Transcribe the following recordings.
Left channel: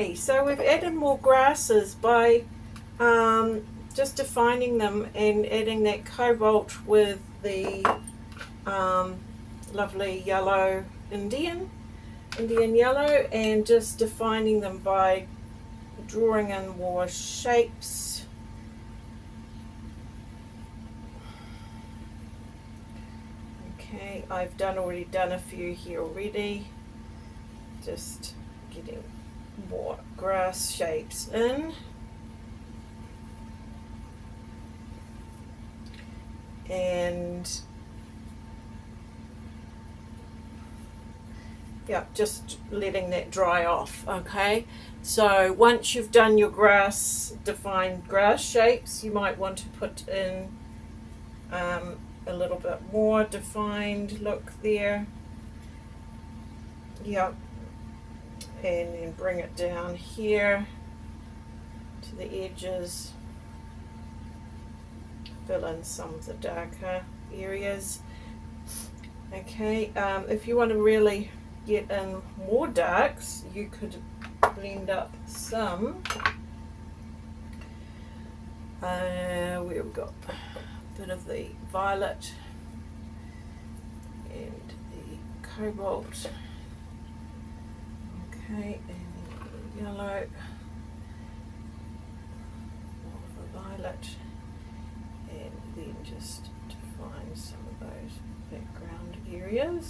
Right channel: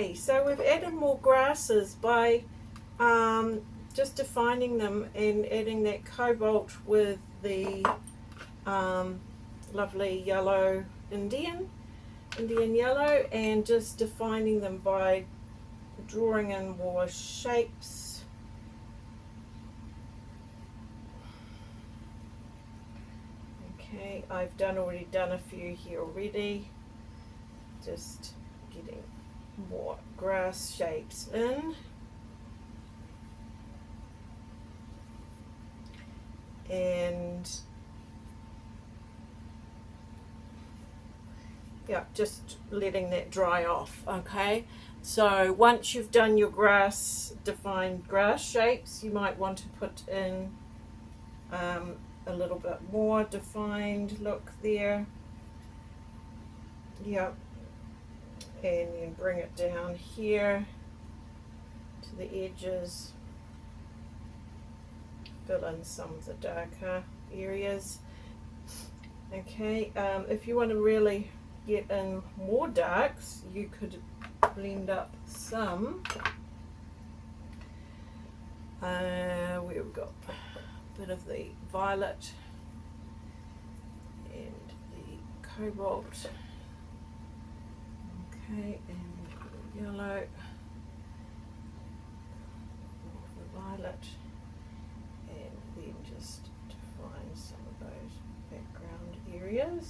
Okay, so we've added more grasses by just defining them and adding that cobalt with the lovely yellow Indian yellow, and just defining them by drawing in more shapes. Okay, I've already done a few here already, just getting more grass shapes in. And yeah, just letting that dry off. Okay, so once you've done your defined grass shapes, you might want to put in a little bit more defined look there. Yeah, and then bring it down here to the edges, fill in some of the darker areas. Okay, if you want to really get in more darks, you could blend up some. Where we got a bit of the violet and the cobalt. Okay, and the yellow, more of the violet, and then just define some of those background areas.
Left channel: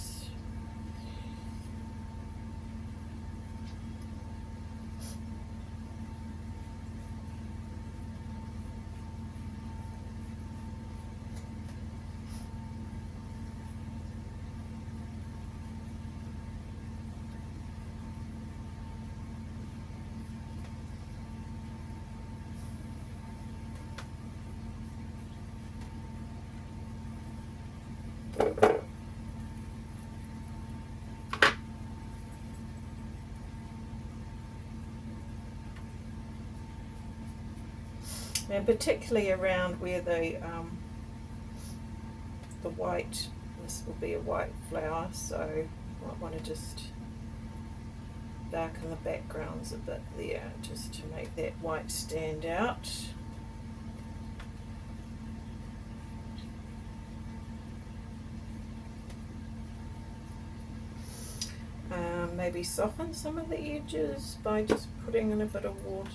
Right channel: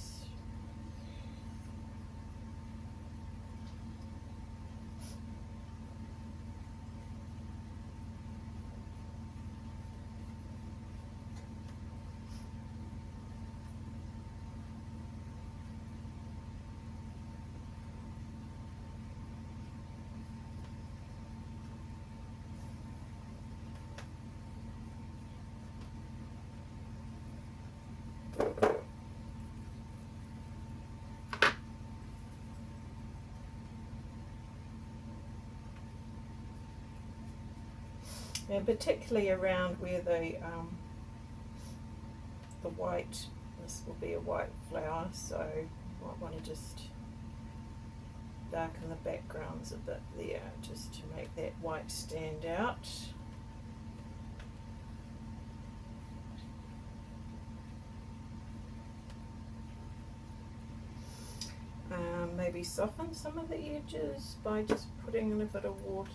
And particularly around where the white, this will be a white flower, so you might want to just darken the backgrounds a bit there, just to make that white stand out. Maybe soften some of the edges by just putting in a bit of water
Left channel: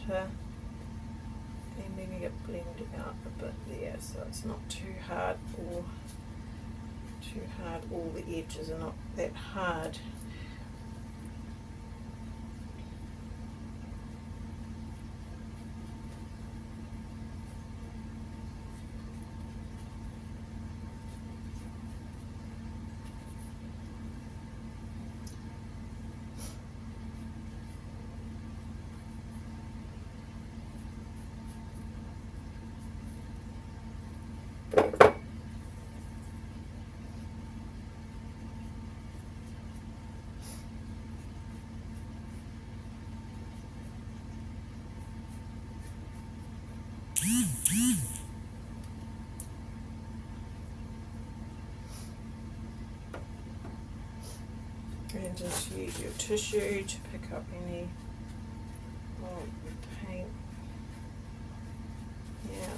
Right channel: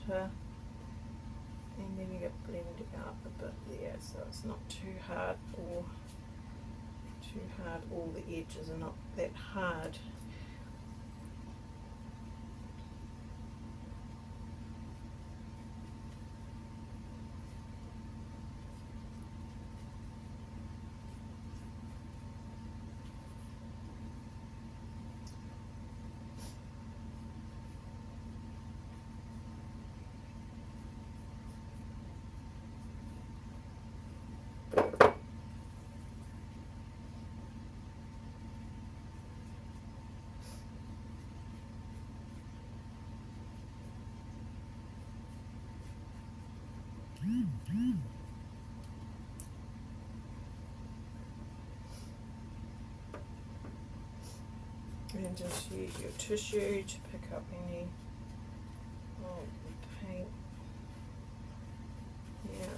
and letting it blend out a bit there, so it's not too hard, all the edges are not that hard. And just use your tissue to pick up any old paint. Yeah.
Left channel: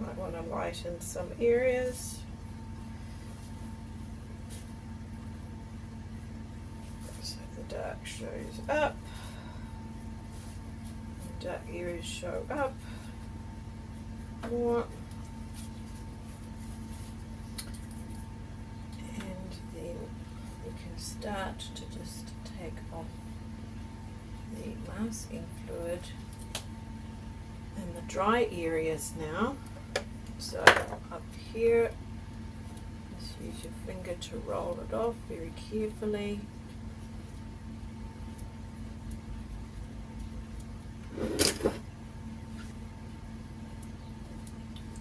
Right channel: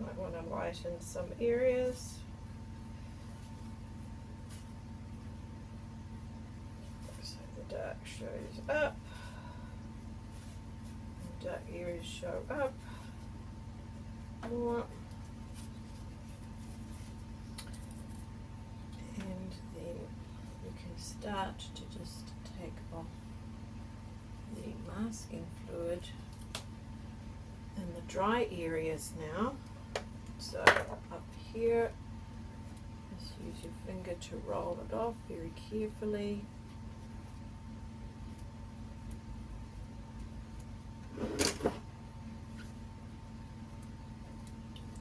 Might want to lighten some areas. So the dark shows up. Dark areas show up more. Start to just take off the masking fluid in the dry areas now. So up here, just use your finger to roll it off very carefully.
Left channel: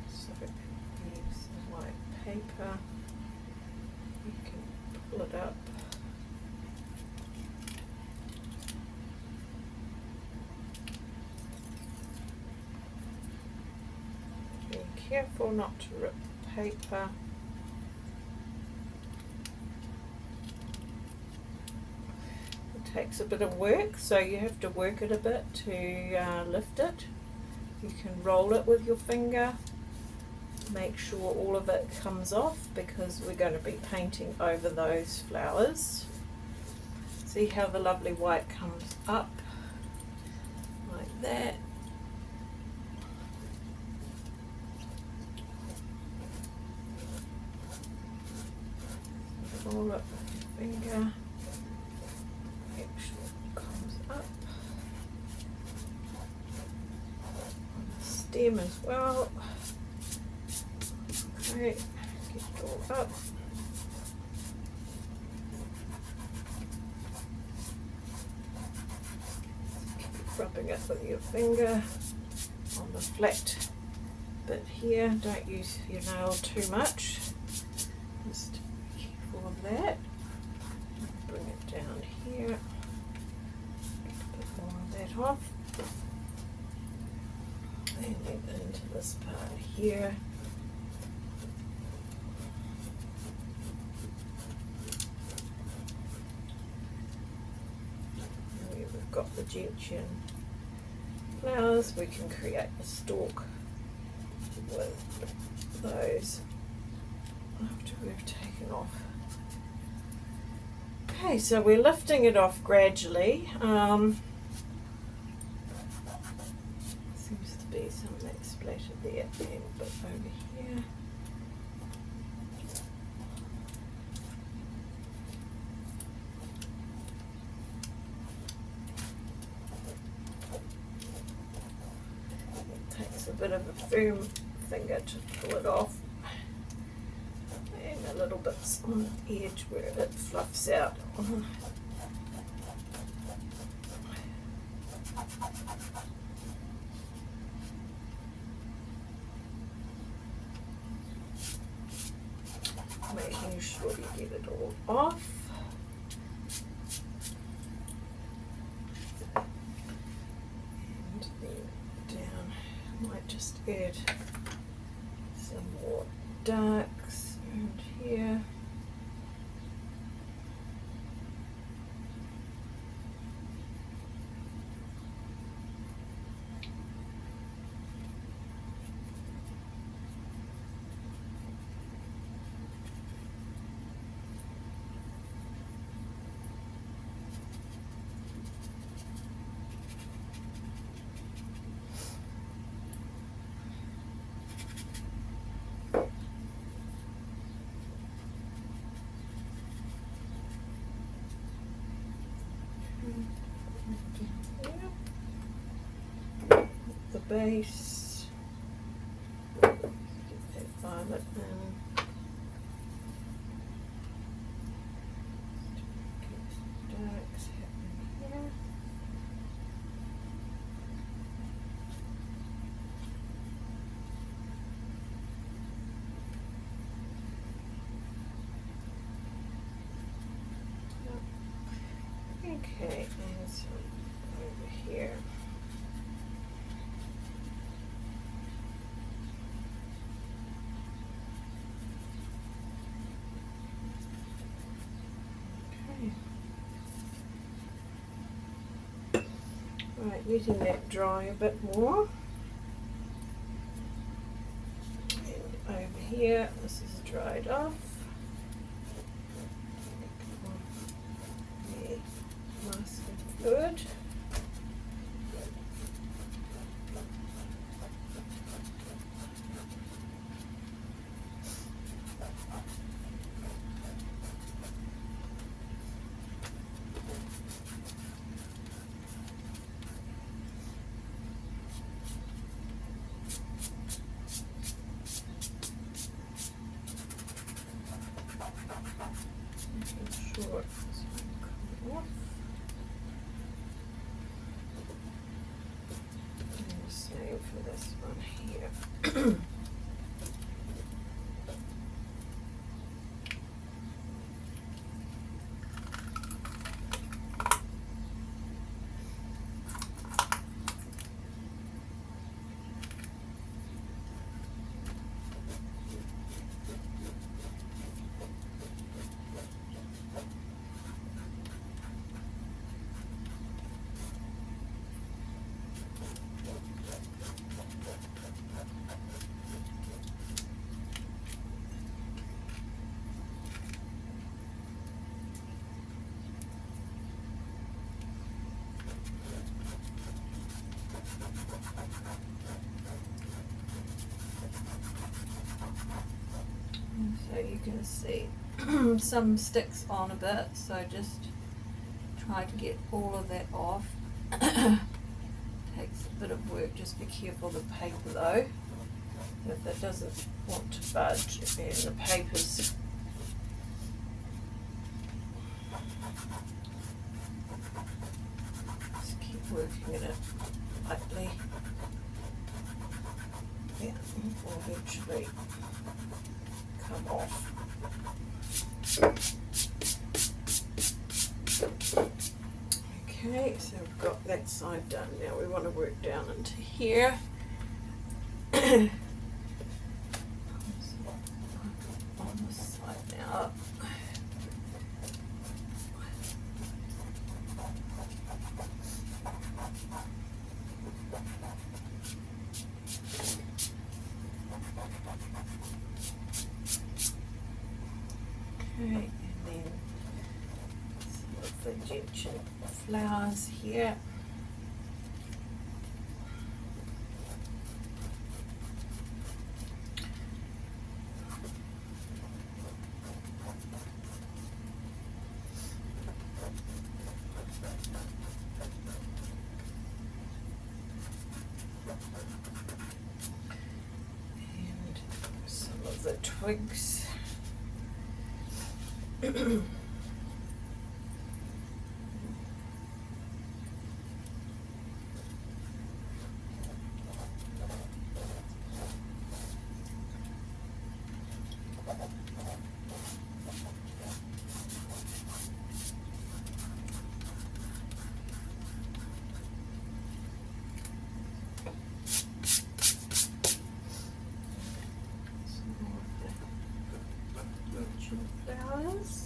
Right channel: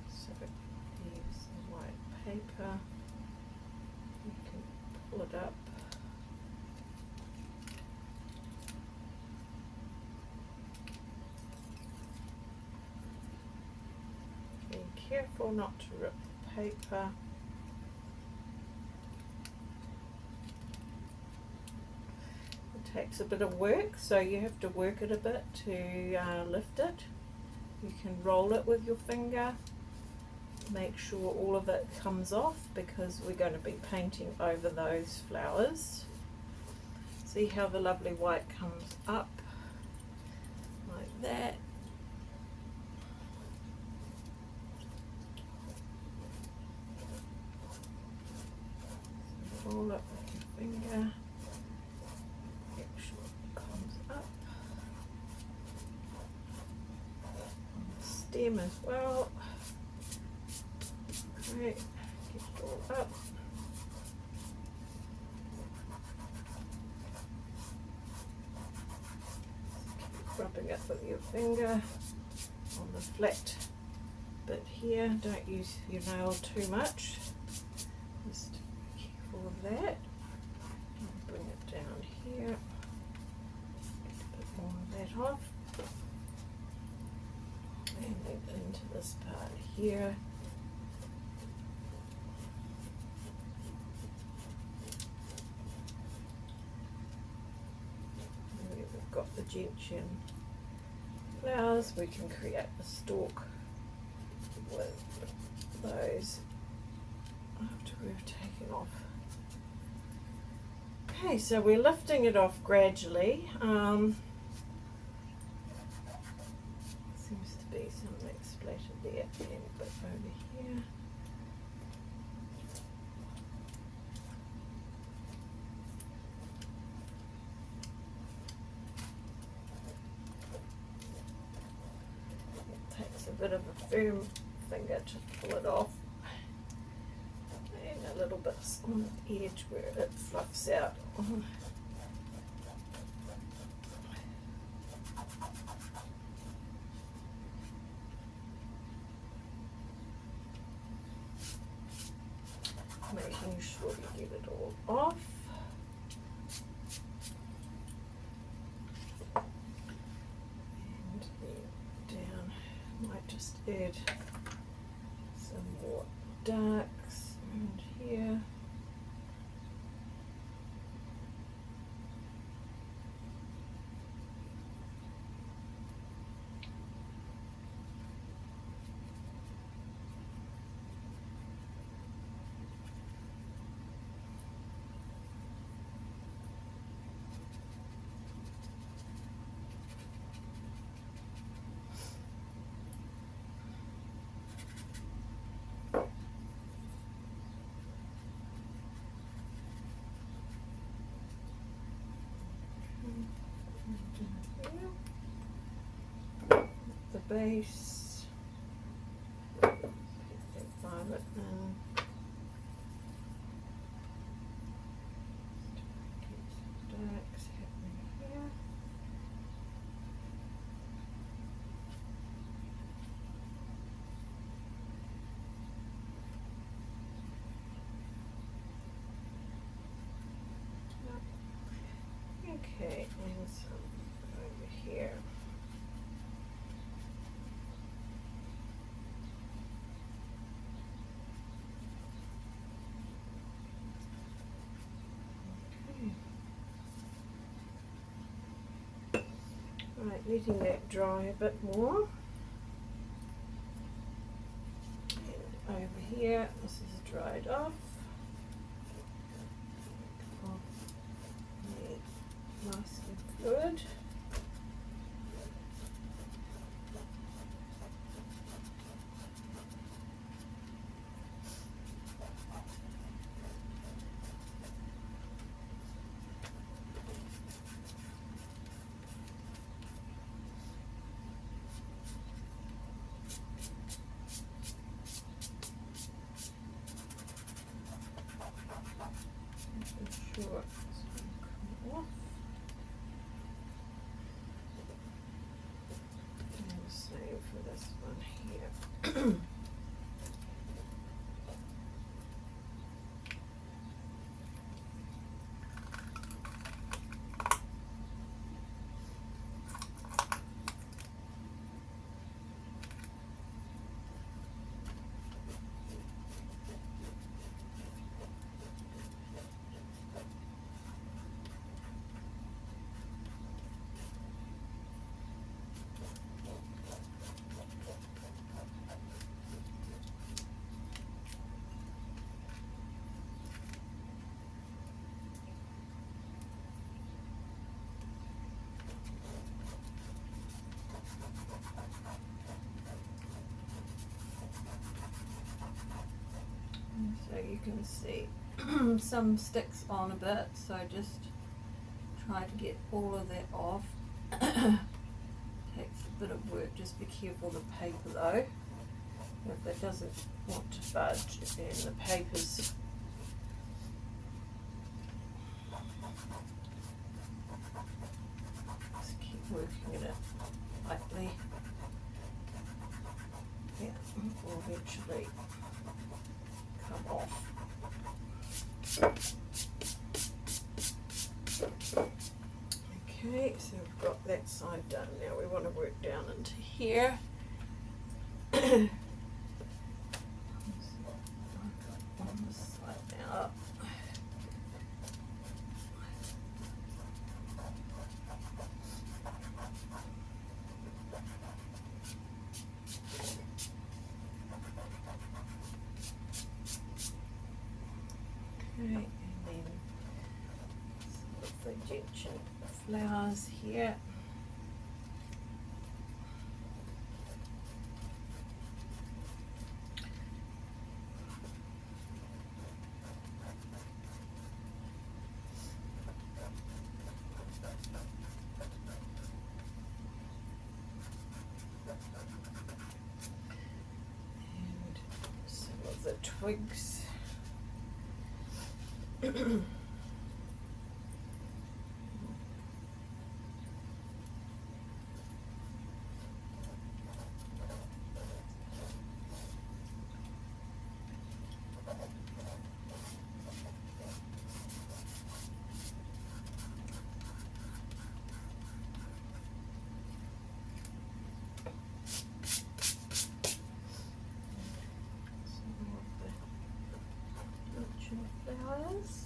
So it needs some white paper. You can pull it up. Careful not to rip the paper. takes a bit of work, so you have to work it a bit to lift it. You can roll it with your finger, make sure all of it comes off because we're going to be painting over those flowers. See how the lovely white comes up like that. Roll it with your finger. Make sure it comes up. On the stem as well. Okay, get it all up. Keep rubbing it with your finger on the flat bit here. Don't use your nail too much. Just be careful of that. Bring it down here. A bit more of that off. And then into this part here. We've got the gentian flowers. We can create a stalk with those after we've taken off. Okay, so we're lifting it off gradually. Seems to be some of that splatter there and a bit over here. It takes a bit of a firm finger to pull it off. And a little bit on the edge where it fluffs out. Making sure you get it all off. And then down, might just add some more darks around here. The base, get that violet in, get some darks happening here. Okay, and so over here. Right, letting that dry a bit more. And over here, this is dried off. Take off the masking fluid. Sure it's coming off. you can see some sticks on a bit, so just try to get all of that off. Takes a bit of work, just be careful of the paper though. If it doesn't want to budge and the paper's just keep working at it lightly. Yeah, will eventually come off. Okay, so we've got that side done. Now we want to work down into here. On this side now. Okay, and then some of the gentian flowers here. And some of the twigs. Flowers.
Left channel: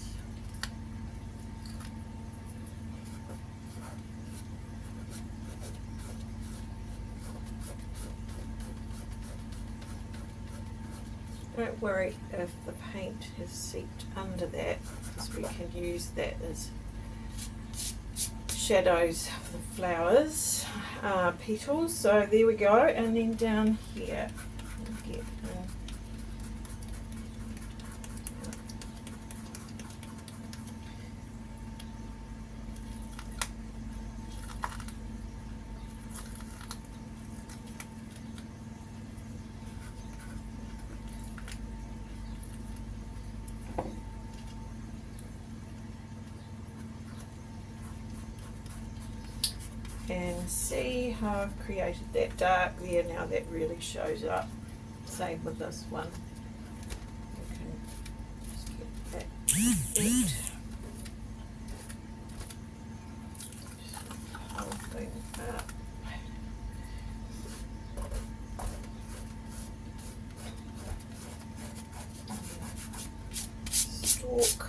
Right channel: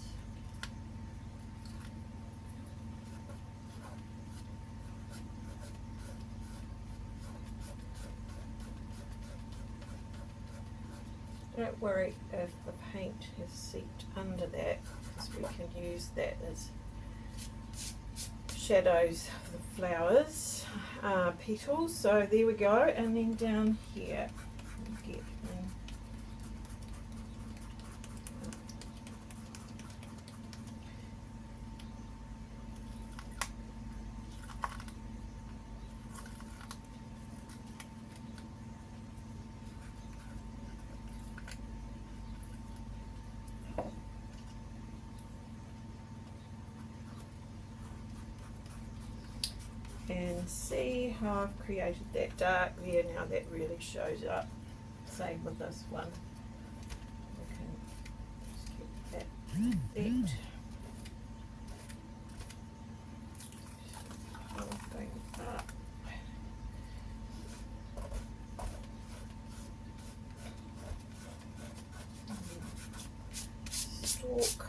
Don't worry if the paint has seeped under that, because we can use that as shadows of the flowers, petals. So there we go, and then down here we'll get and see how I've created that dark there. Now that really shows up. Same with this one. You can just get that effect. Whole thing up. Stalk.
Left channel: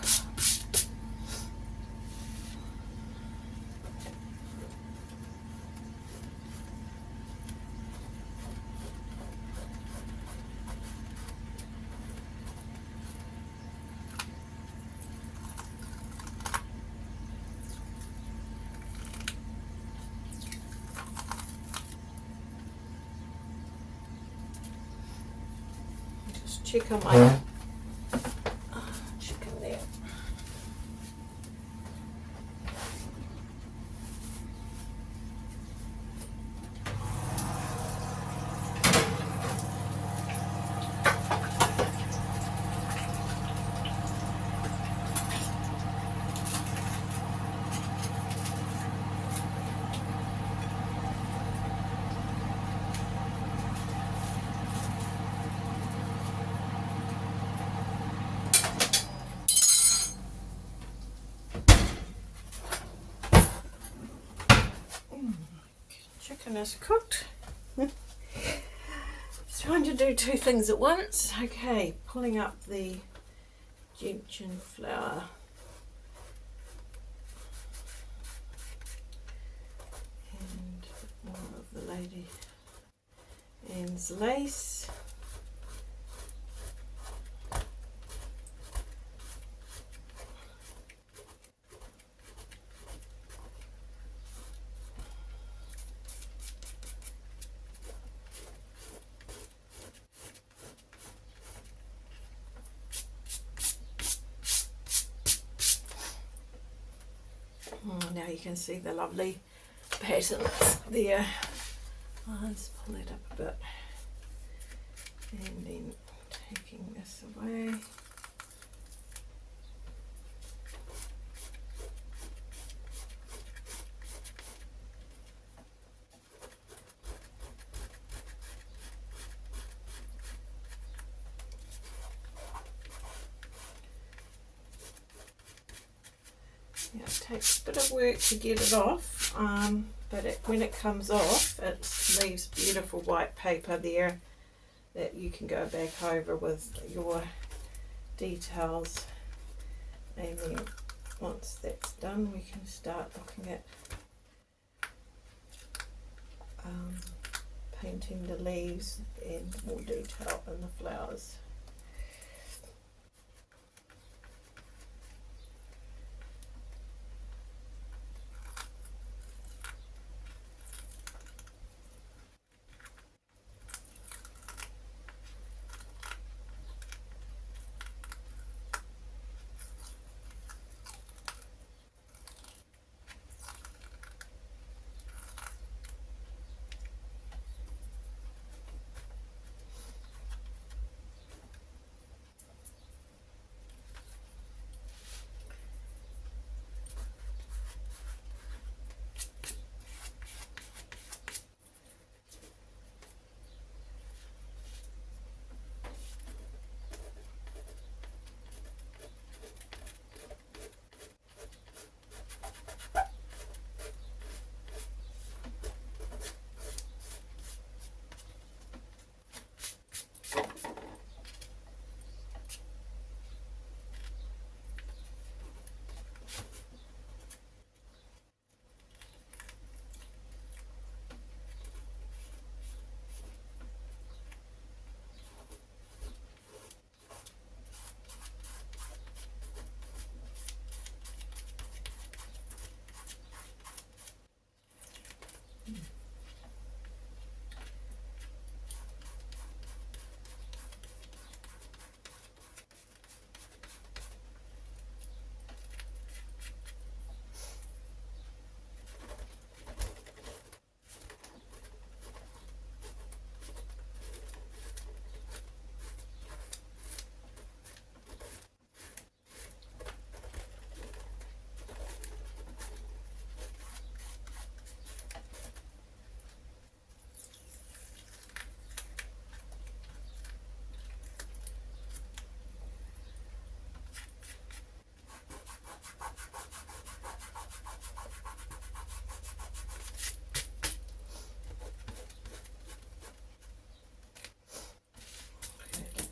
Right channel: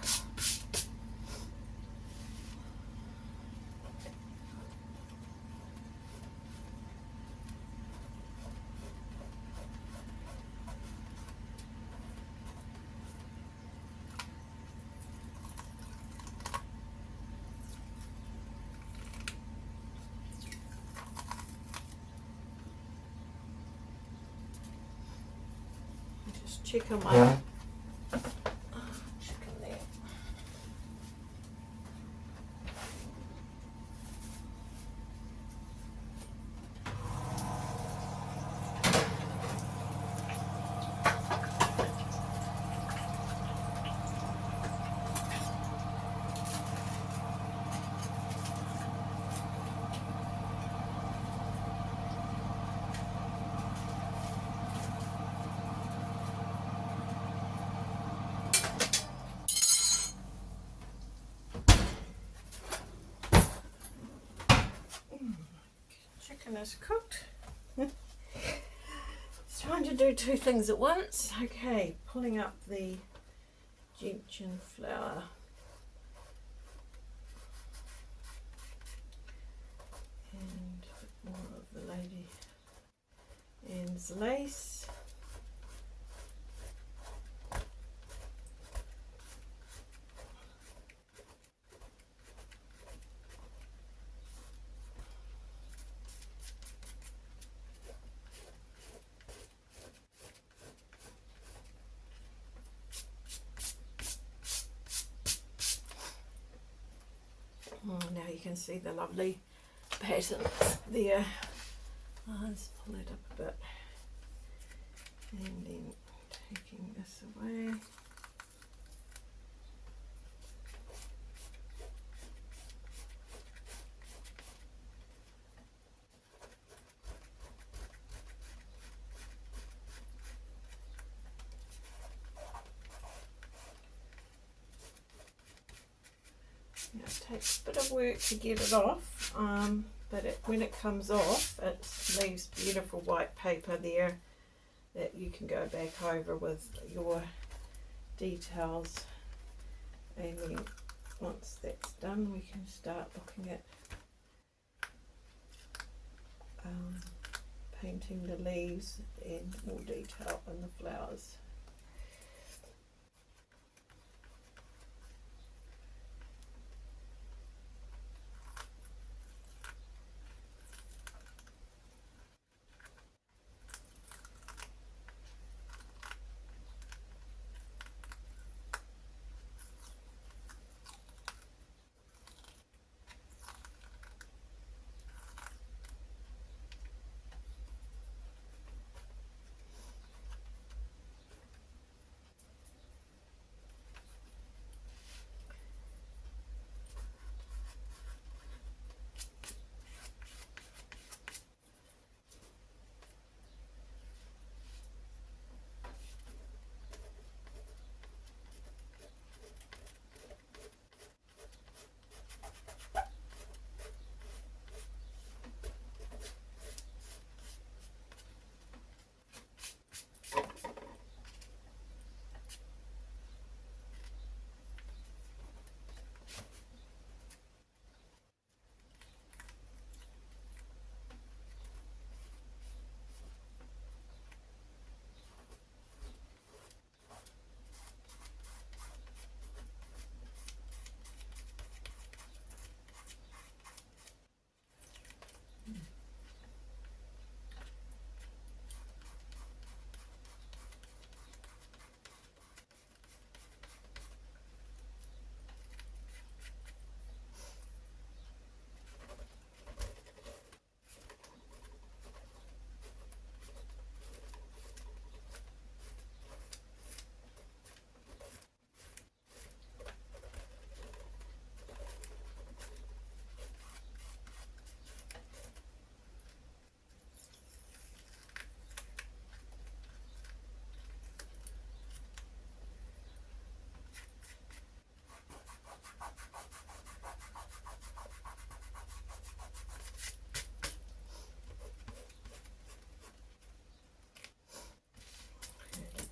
Just check on my chicken there. Chicken is cooked. It's trying to do two things at once. Okay, pulling up the gentian flower. And more of the Lady Anne's lace. Now you can see the lovely patterns there. Let's pull it up a bit, and then taking this away. Yeah, it takes a bit of work to get it off, but when it comes off, it leaves beautiful white paper there that you can go back over with your details. And then once that's done, we can start looking at painting the leaves and more detail in the flowers.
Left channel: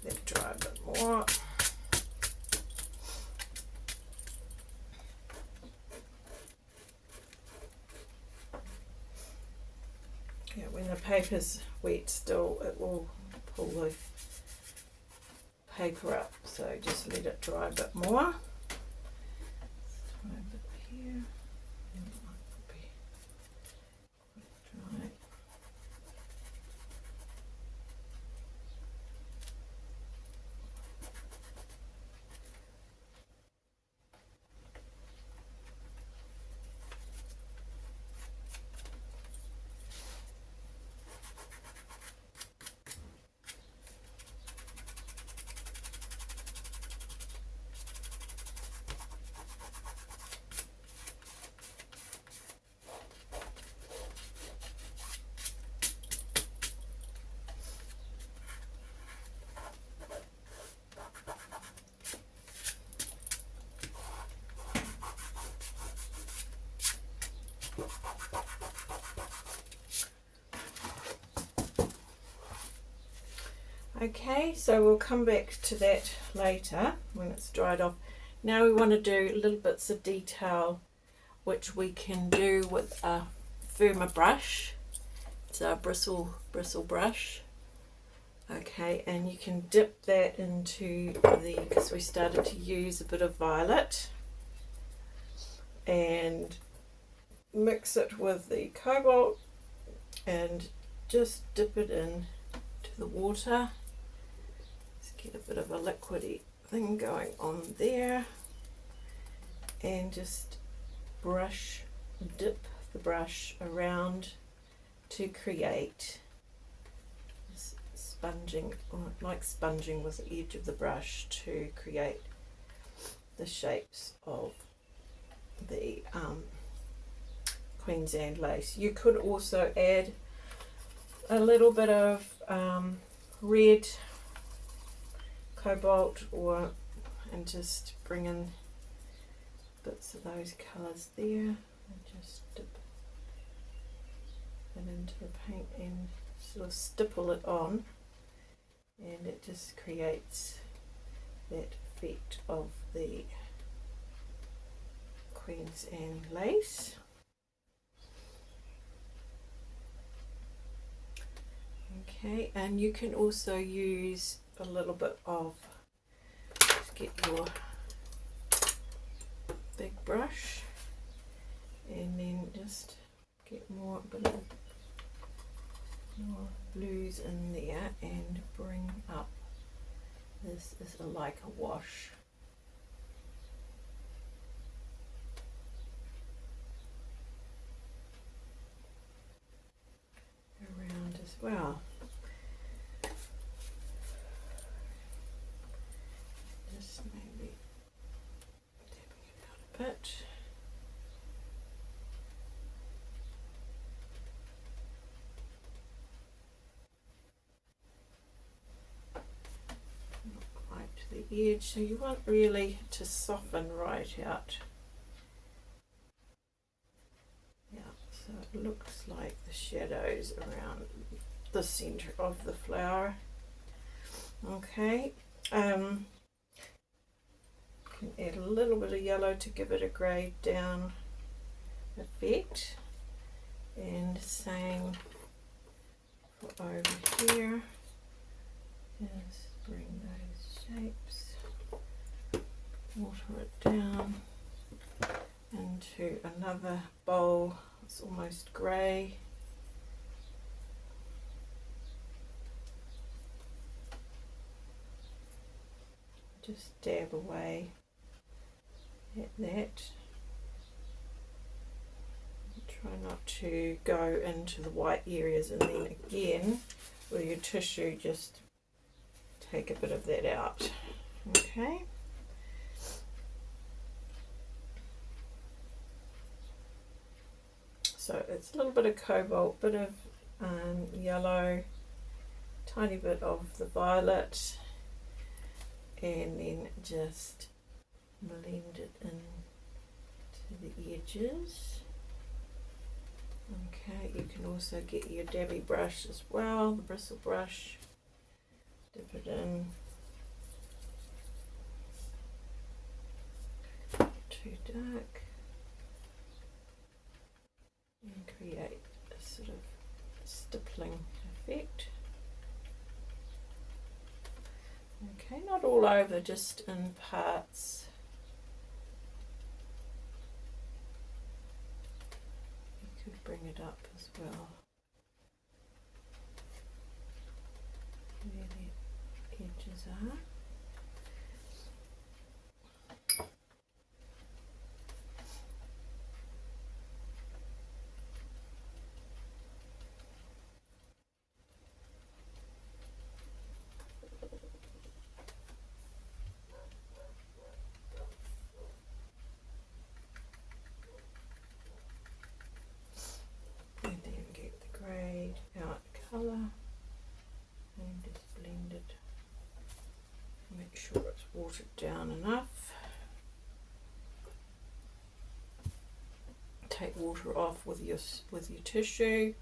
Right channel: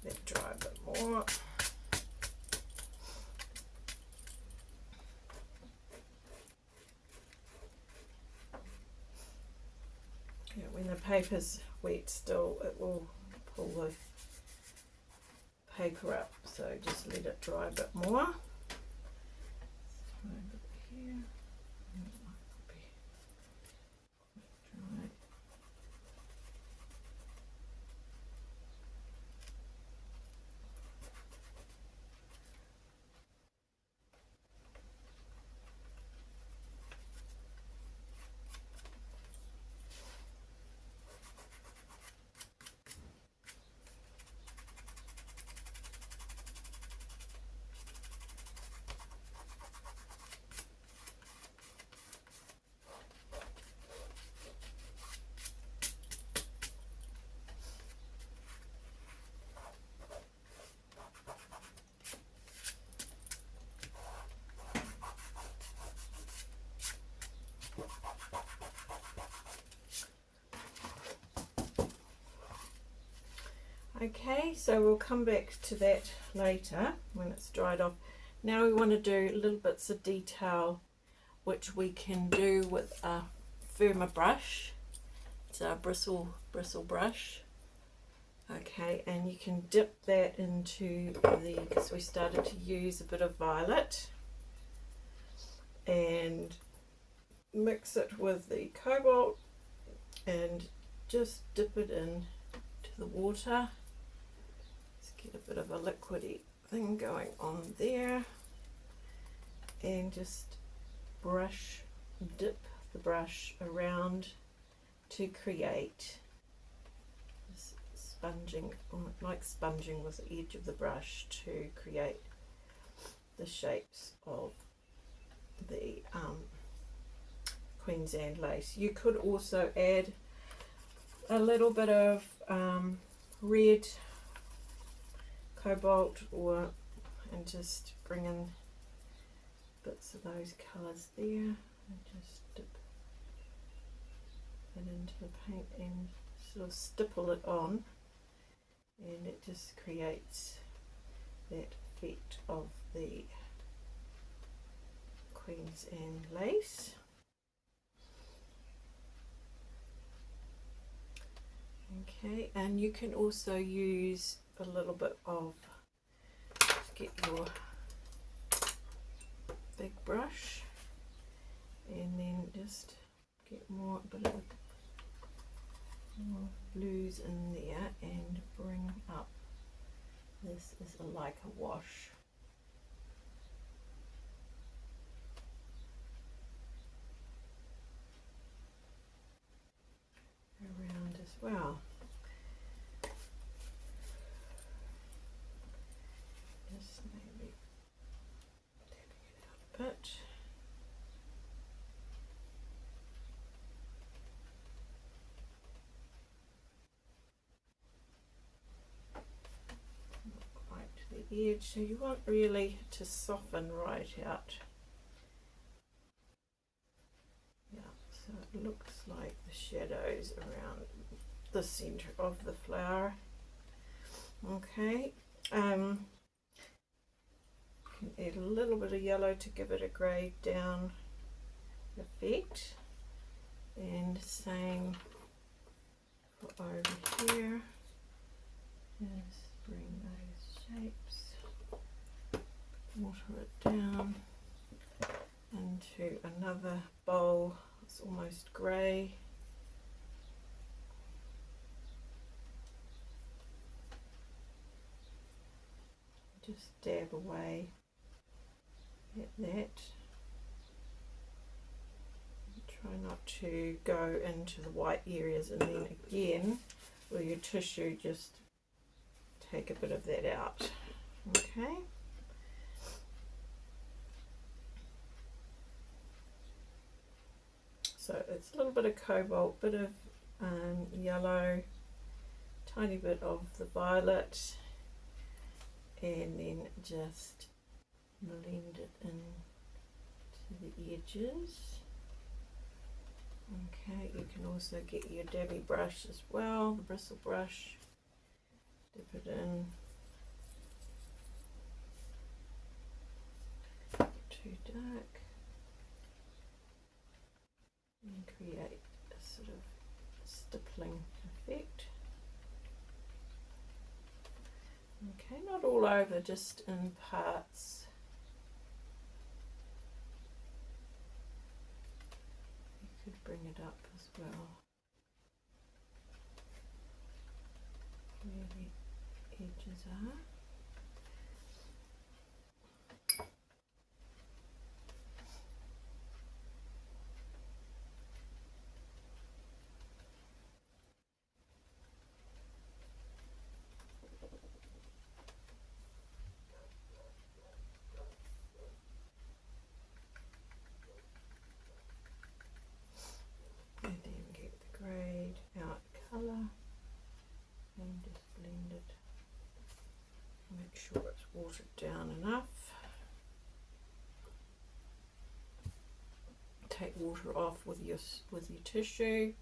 Let it dry a bit more. Yeah, when the paper's wet still, it will pull the paper up, so just let it dry a bit more. Try a bit here. Dry. Okay, so we'll come back to that later when it's dried off. Now we want to do little bits of detail which we can do with a firmer brush. It's a bristle brush. Okay, and you can dip that into because we started to use a bit of violet, and mix it with the cobalt and just dip it in to the water. Get a bit of a liquidy thing going on there, and just dip the brush around to create this sponging, or like sponging with the edge of the brush to create the shapes of the Queensland lace. You could also add a little bit of red, cobalt, and just bring in bits of those colours there, and just dip it into the paint and sort of stipple it on, and it just creates that effect of the Queensland lace. Okay, and you can also use a little bit of, just get your big brush and then just get more blues in there and bring up, this is like a wash. Around as well. Just maybe tapping it out a bit. Not quite to the edge, so you want really to soften right out. Yeah, so it looks like the shadows around the center of the flower. Okay, can add a little bit of yellow to give it a greyed down effect, and same for over here. Just bring those shapes, water it down into another bowl. It's almost grey. Just dab away at that. Try not to go into the white areas, and then again with your tissue just take a bit of that out. Okay. So it's a little bit of cobalt, bit of yellow, tiny bit of the violet, and then just blend it in to the edges. Okay, you can also get your dabby brush as well, the bristle brush, dip it in. Too dark, and create a sort of stippling effect. Okay, not all over, just in parts. You could bring it up as well, where the edges are. And then get the greyed out colour and just blend it. Make sure it's watered down enough. Take water off with your tissue,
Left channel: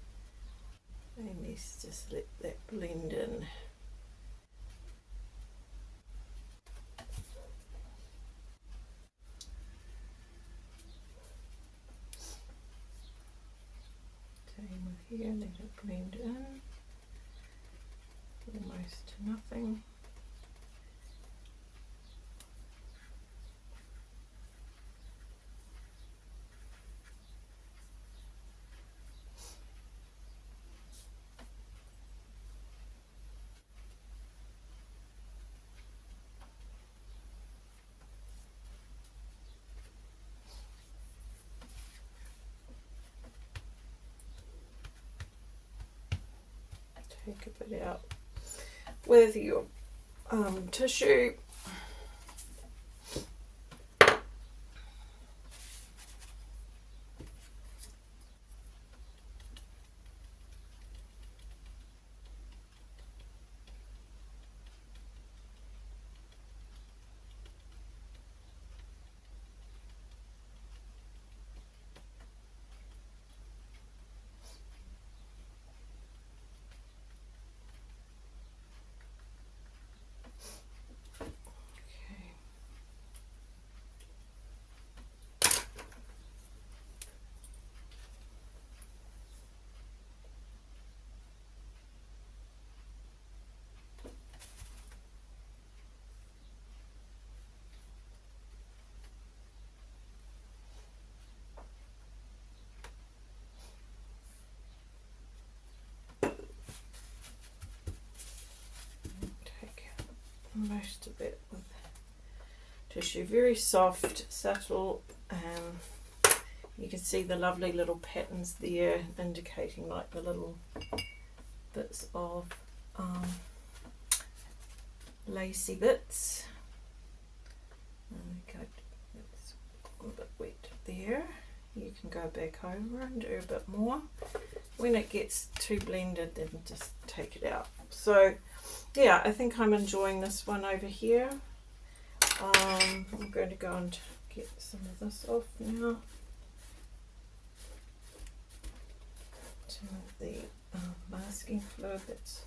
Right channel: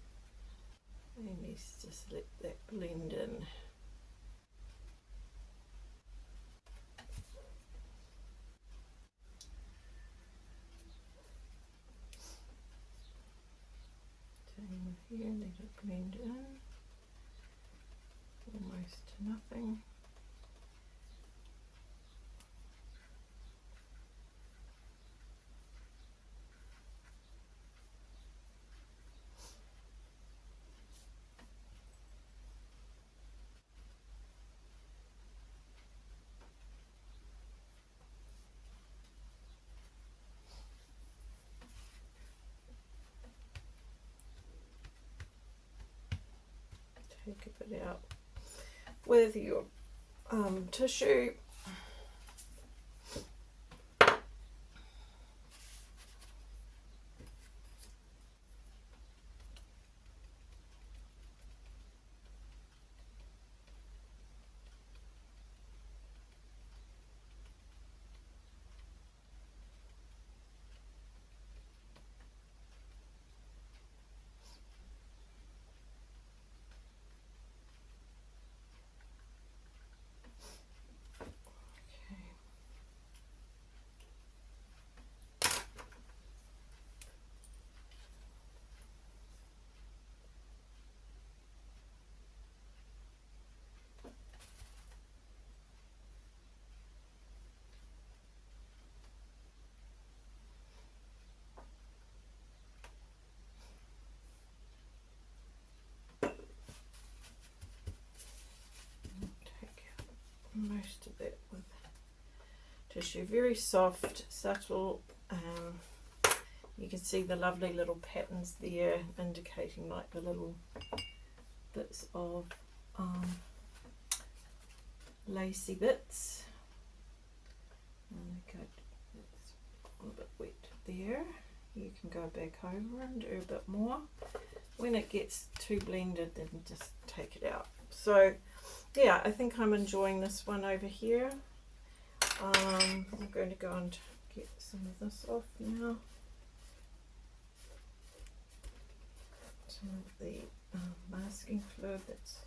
and just let that blend in. Same with here, let it blend in, almost to nothing. it out with your tissue. Most of it with tissue, very soft, subtle. You can see the lovely little patterns there, indicating like the little bits of lacy bits. Okay, it's a little bit wet there. You can go back over and do a bit more. When it gets too blended, then just take it out. So yeah, I think I'm enjoying this one over here. I'm going to go and get some of this off now. Some of the masking fluid that's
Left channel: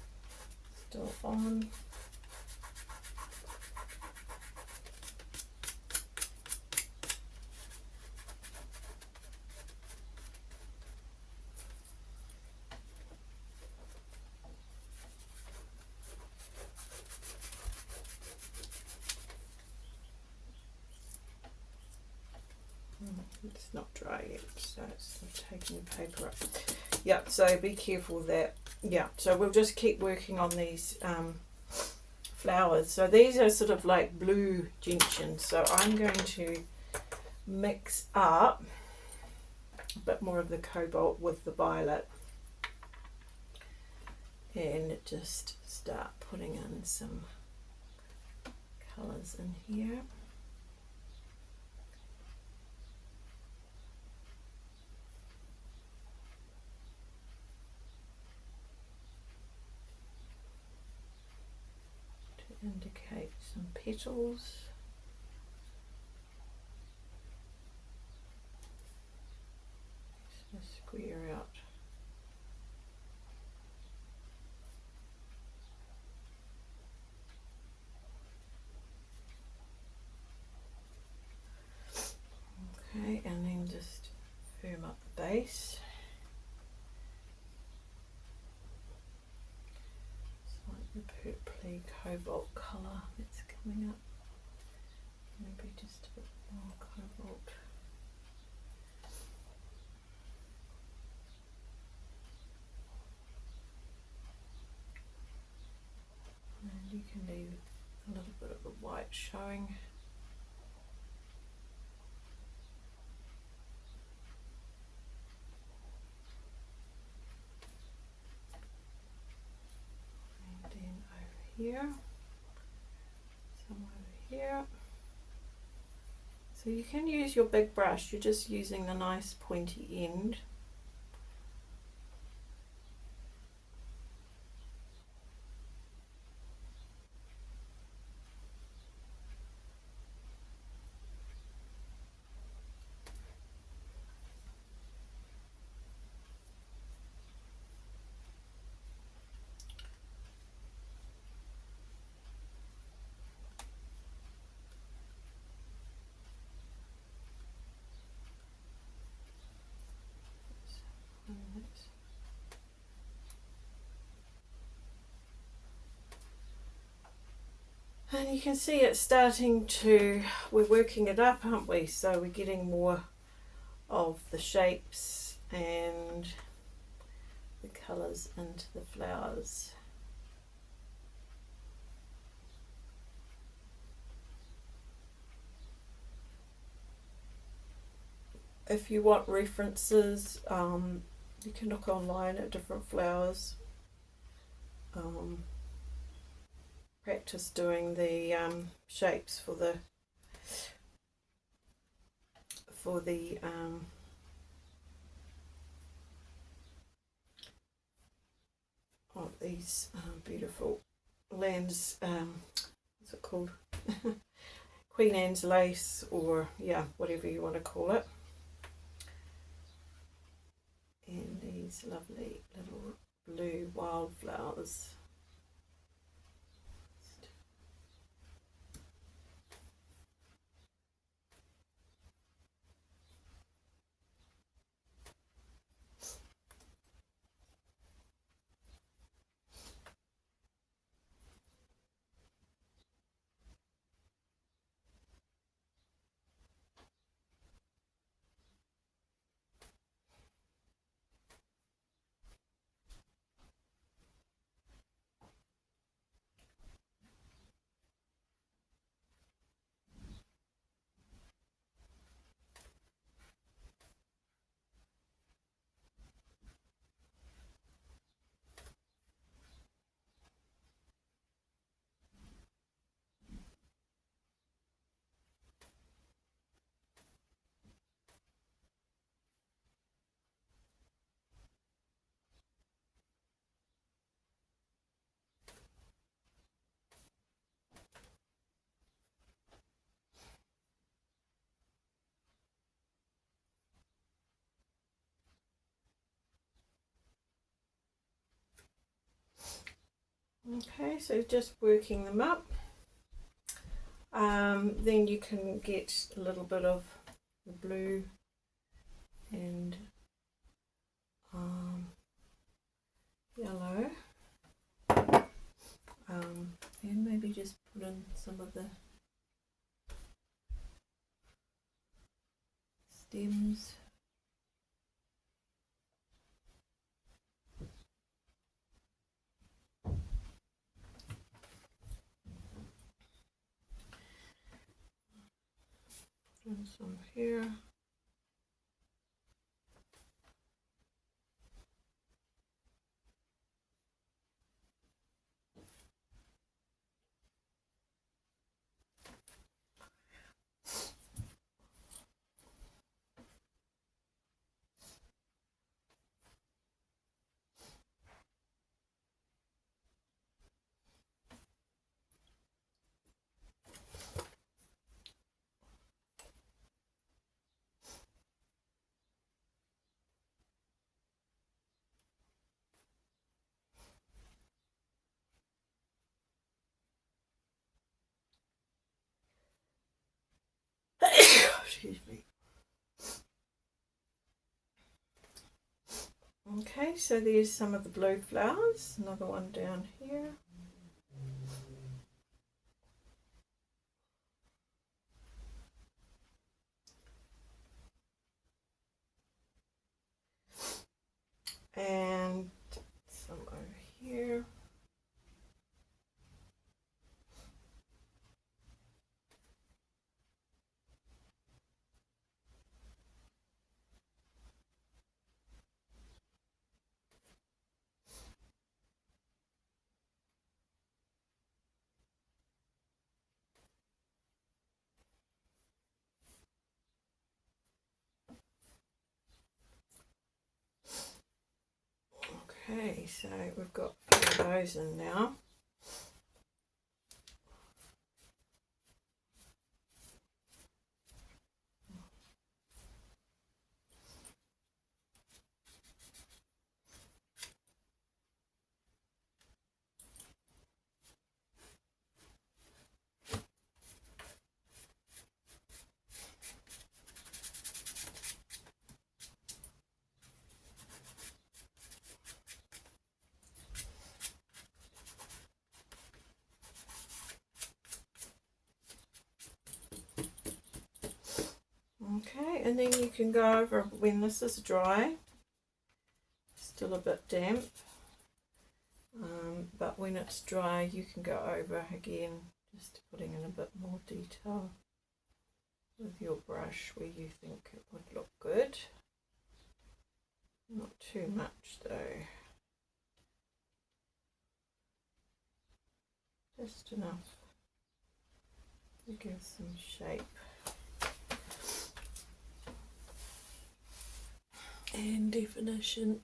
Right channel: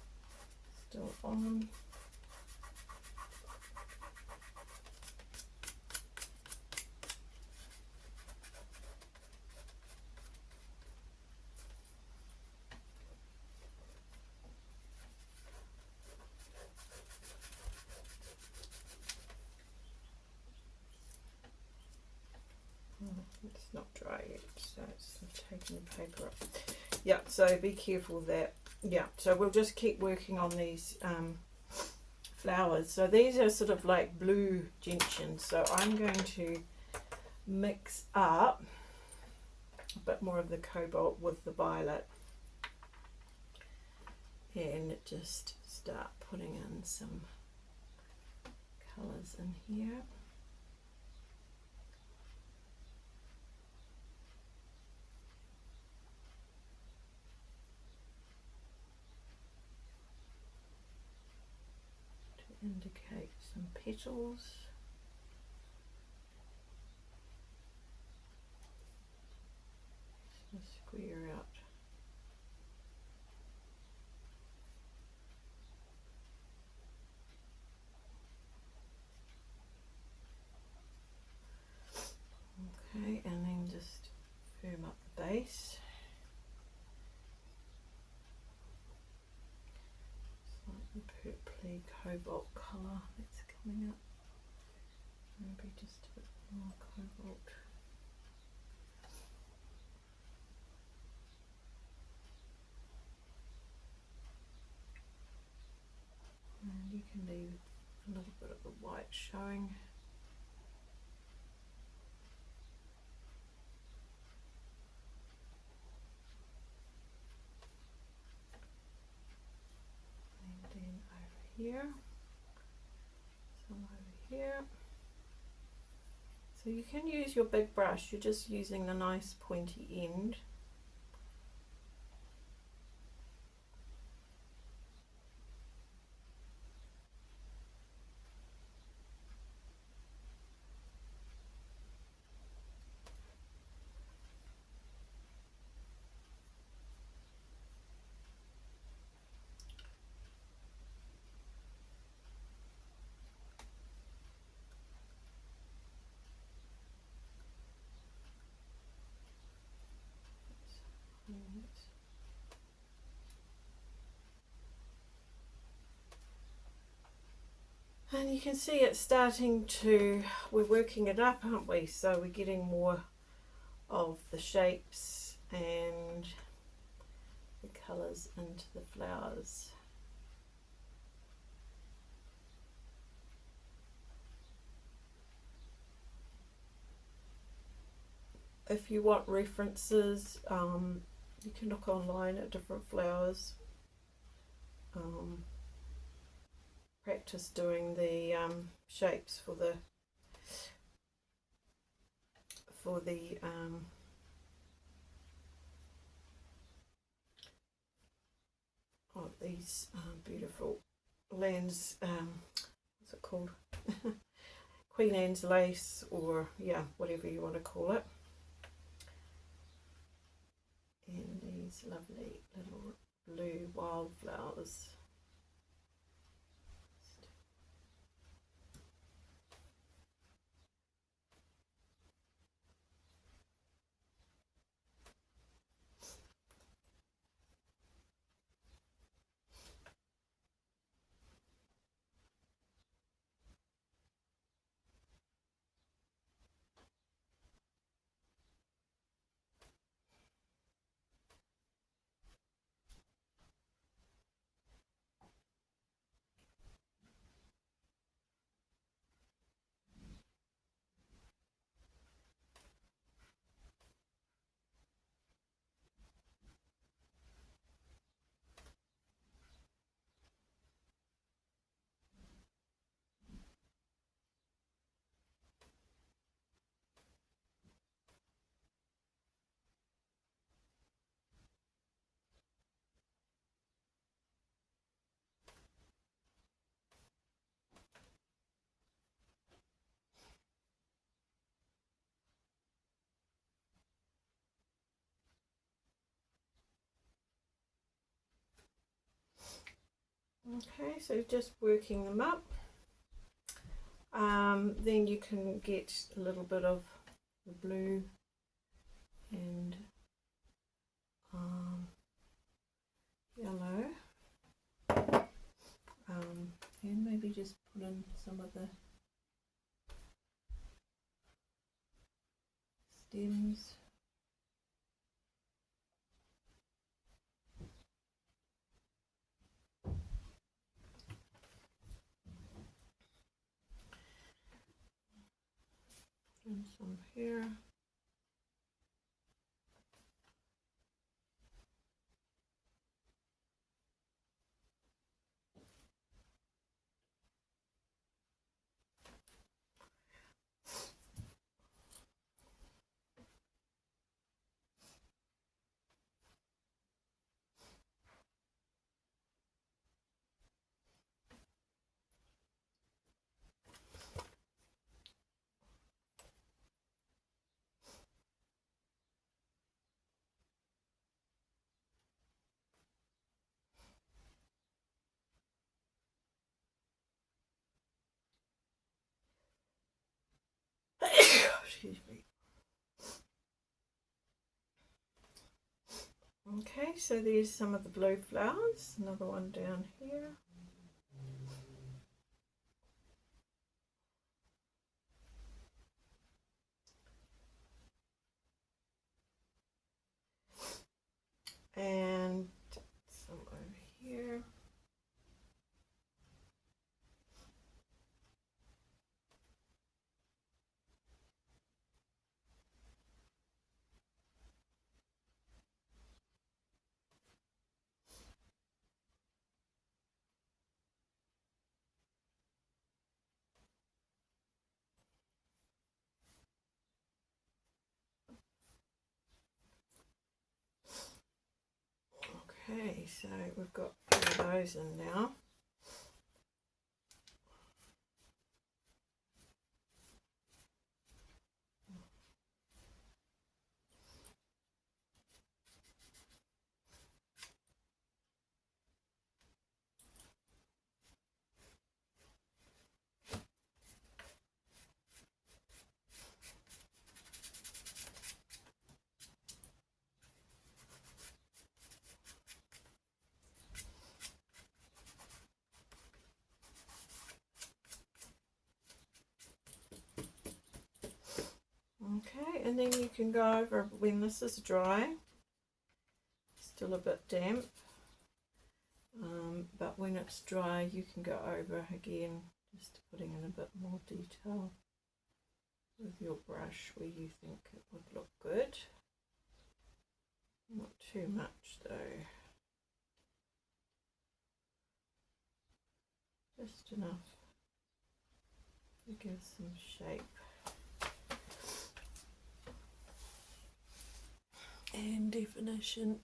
still on. It's not dry yet, so it's taking the paper up. Yeah, so be careful that, yeah, so we'll just keep working on these flowers. So these are sort of like blue gentians, so I'm going to mix up a bit more of the cobalt with the violet and just start putting in some colours in here. Indicate some petals. Just square out. Okay, and then just firm up the base. The purpley cobalt colour that's coming up. Maybe just a bit more cobalt. And you can leave a little bit of the white showing. And then over here. Some over here. So you can use your big brush, you're just using the nice pointy end. And you can see it's starting to, we're working it up, aren't we? So we're getting more of the shapes and the colours into the flowers. If you want references, you can look online at different flowers practice doing the shapes for the these beautiful Lands, what's it called? Queen Anne's lace, or yeah, whatever you want to call it. And these lovely little blue wildflowers. Okay, so just working them up. Then you can get a little bit of the blue and yellow, and maybe just put in some of the stems. And some here. Excuse me. Okay, so there's some of the blue flowers, another one down here. And some over here. Okay, so we've got a few of those in now. Okay, and then you can go over when this is dry, still a bit damp, but when it's dry you can go over again, just putting in a bit more detail with your brush where you think it would look good. Not too much though. just enough to give some shape and definition.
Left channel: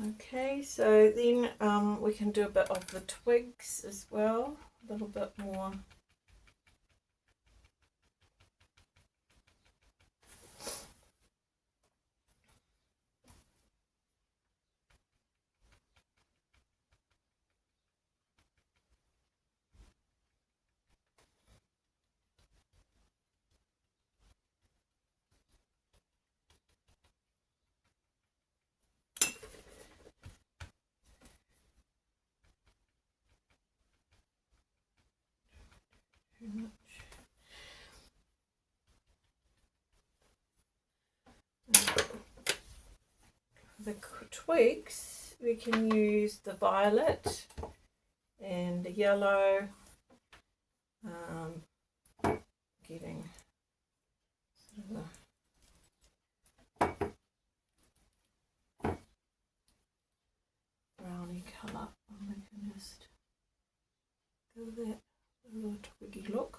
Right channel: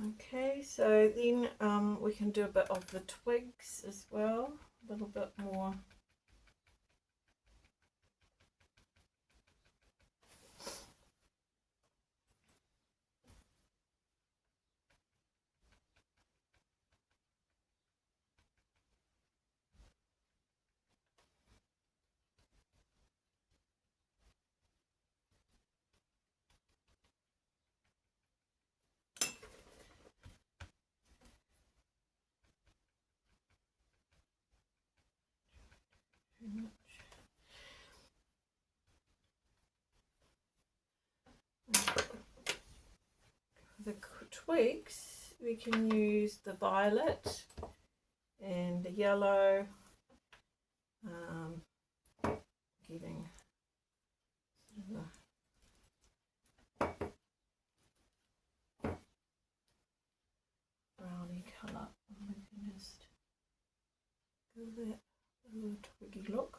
Okay, so then we can do a bit of the twigs as well, a little bit more. The twigs, we can use the violet and the yellow, getting sort of a browny colour, and we can just give that a little twiggy look.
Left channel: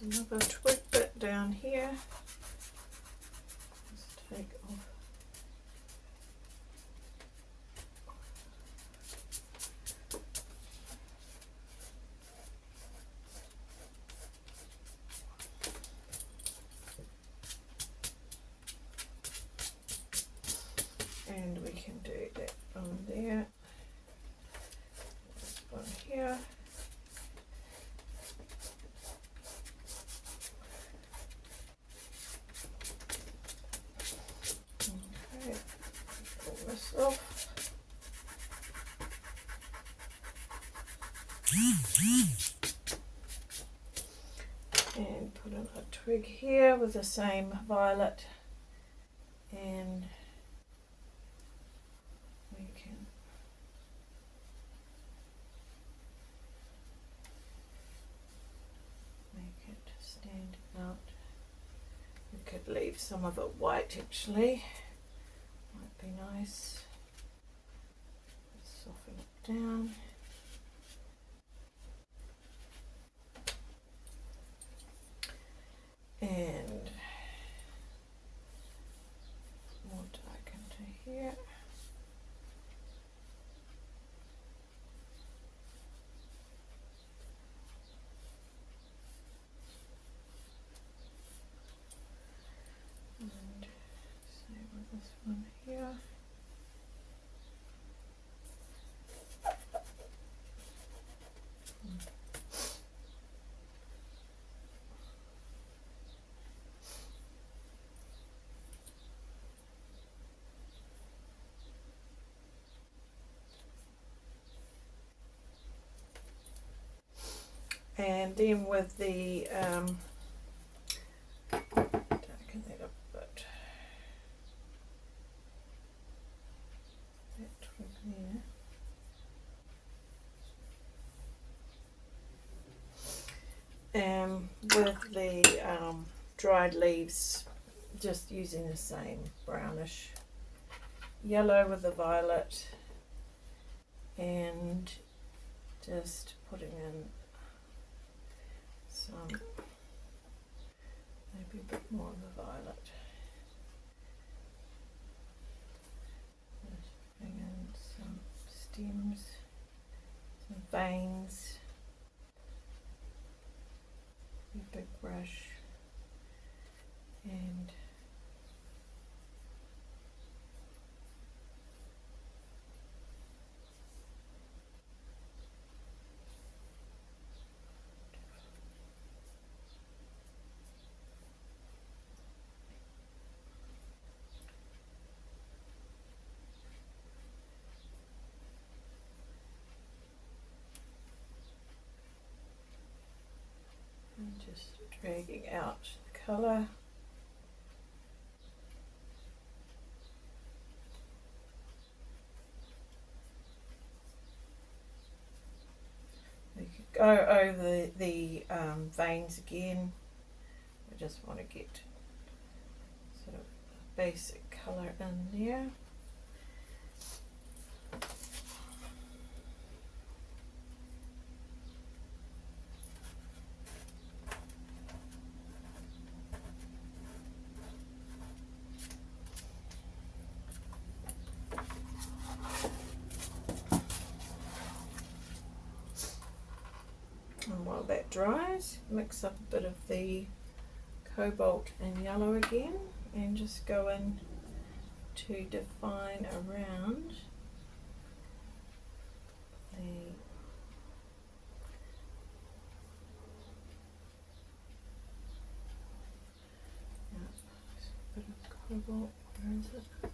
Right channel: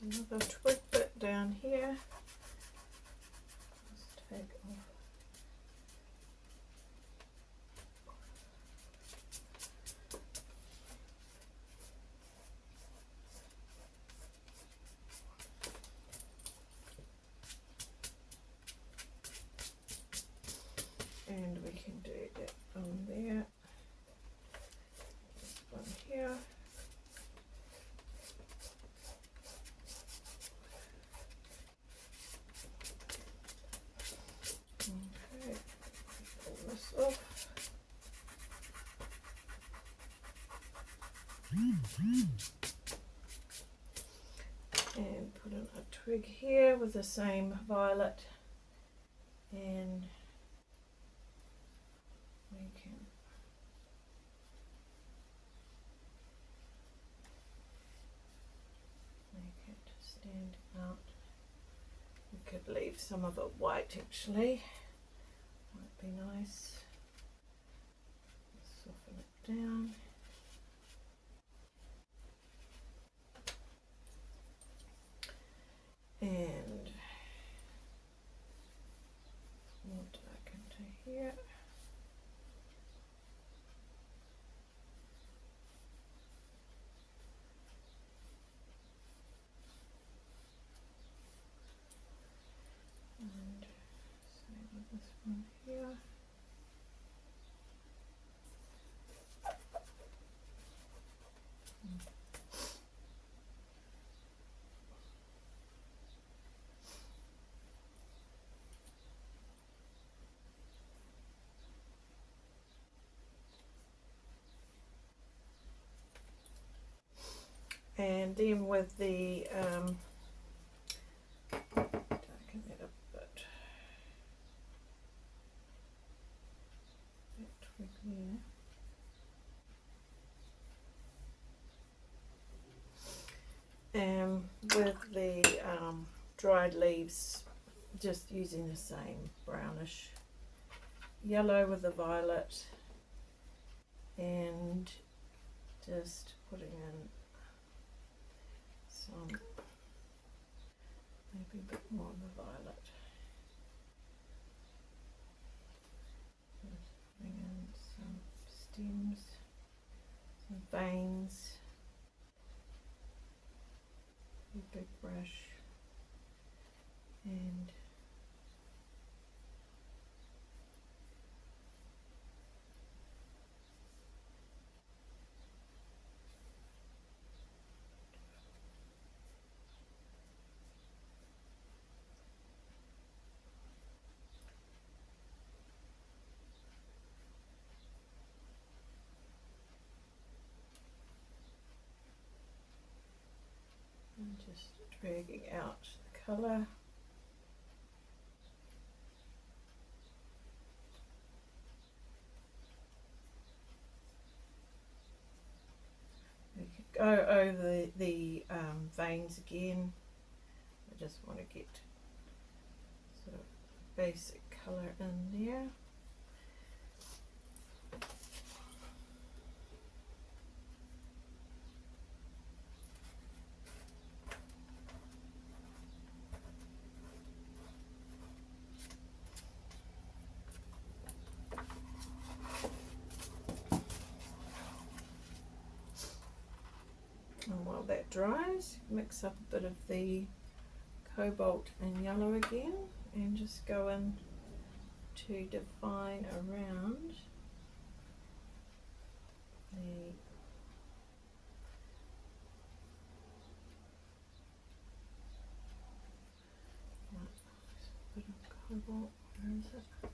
There's another twig bit down here. Let's take off. And we can do that on there. This one here. Off. And put in a twig here with the same violet, and we can make it stand out some of it white actually. Might be nice. Soften it down. And what I can do here. And same with this one here. And then with the darken that up a bit. That twig there. With the dried leaves, just using the same brownish yellow with the violet, and just putting in some, maybe a bit more of the violet. Just putting in some stems, some veins, a big brush, and just dragging out the colour. We could go over the veins again. We just want to get sort of a basic colour in there. And while that dries, mix up a bit of the cobalt and yellow again, and just go in to define around the bit of cobalt. Where is it?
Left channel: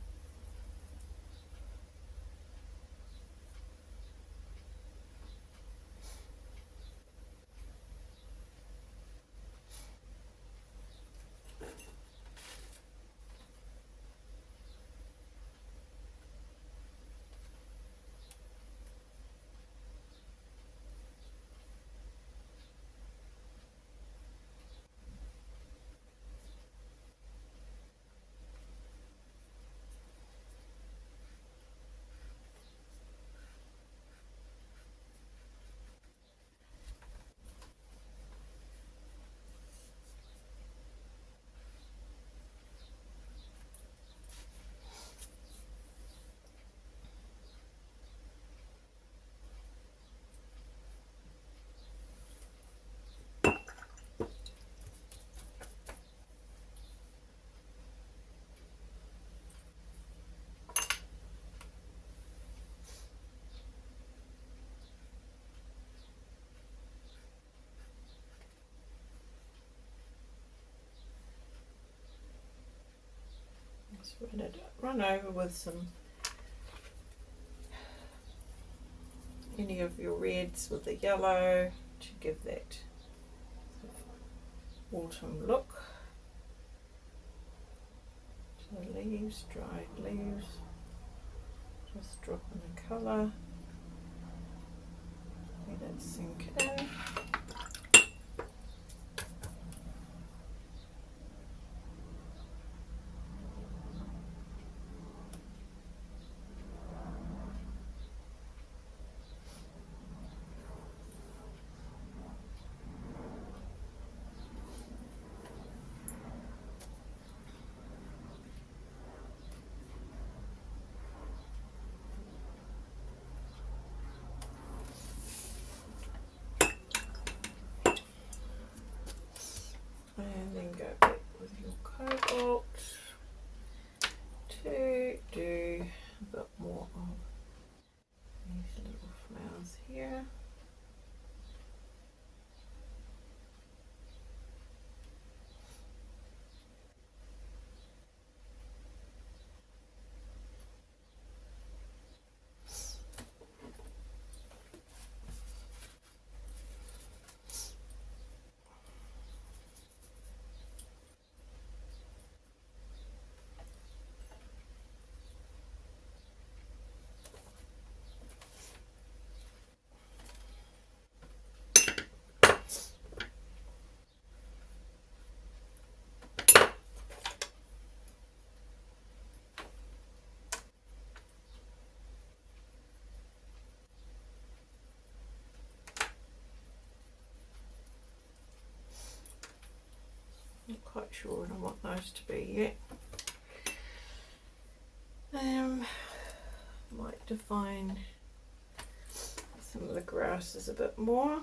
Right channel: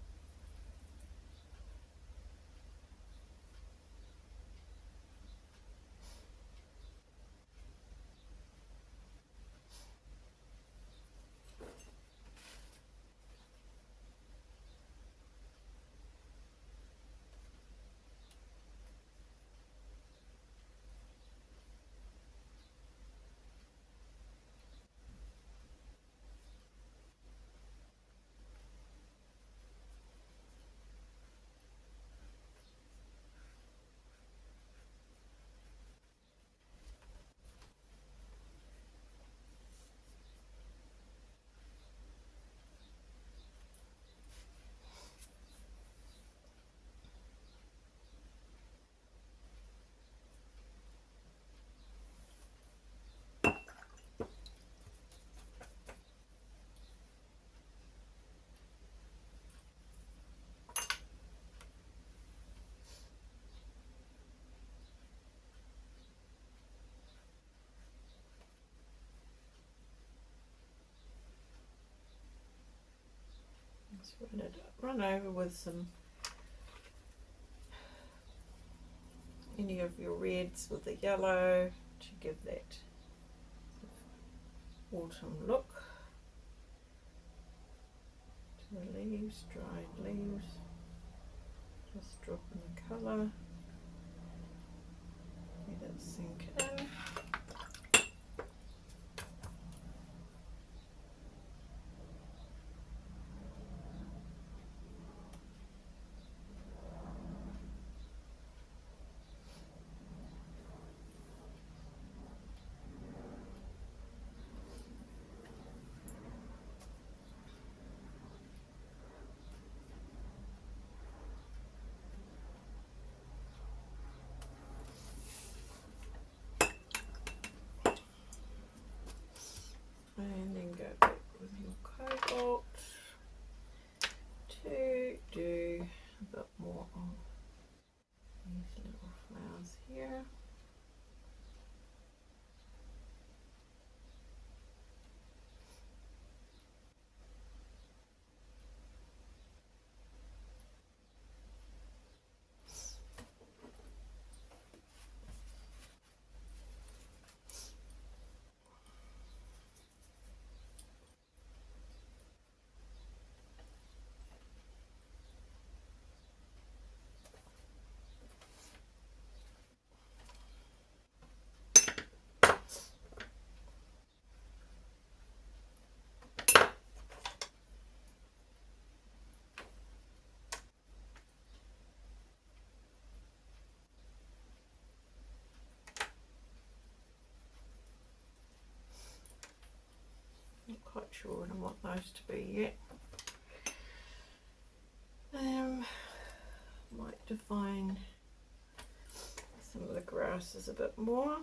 Just run over with some, any of your reds with the yellow to give that autumn look to the leaves, dried leaves. Just drop in the colour, let it sink in. sure what I want those to be yet. Might define some of the grasses a bit more.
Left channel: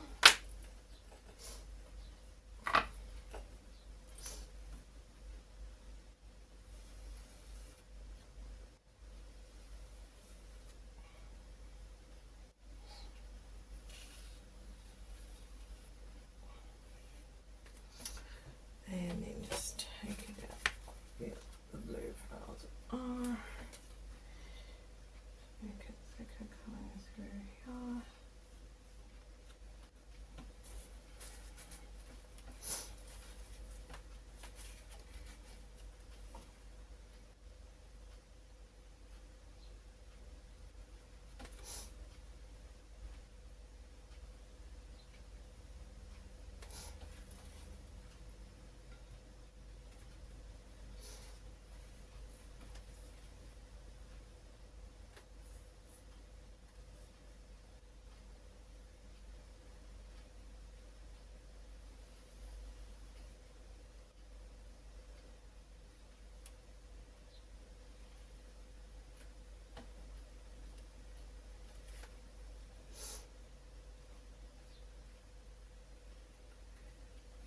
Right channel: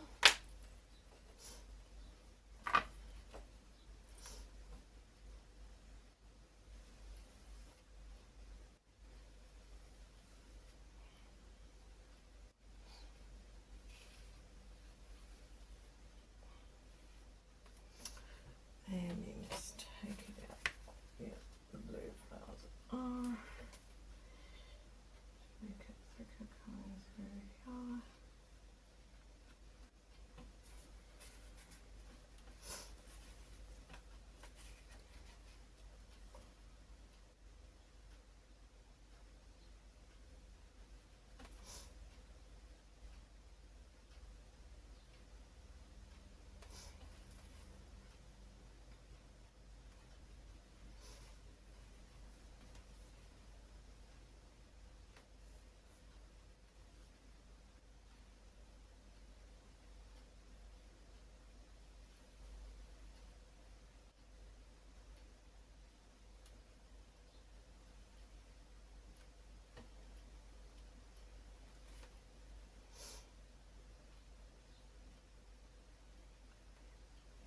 And then just take it out. Yeah, the blue flowers are. Make it thicker coming through here.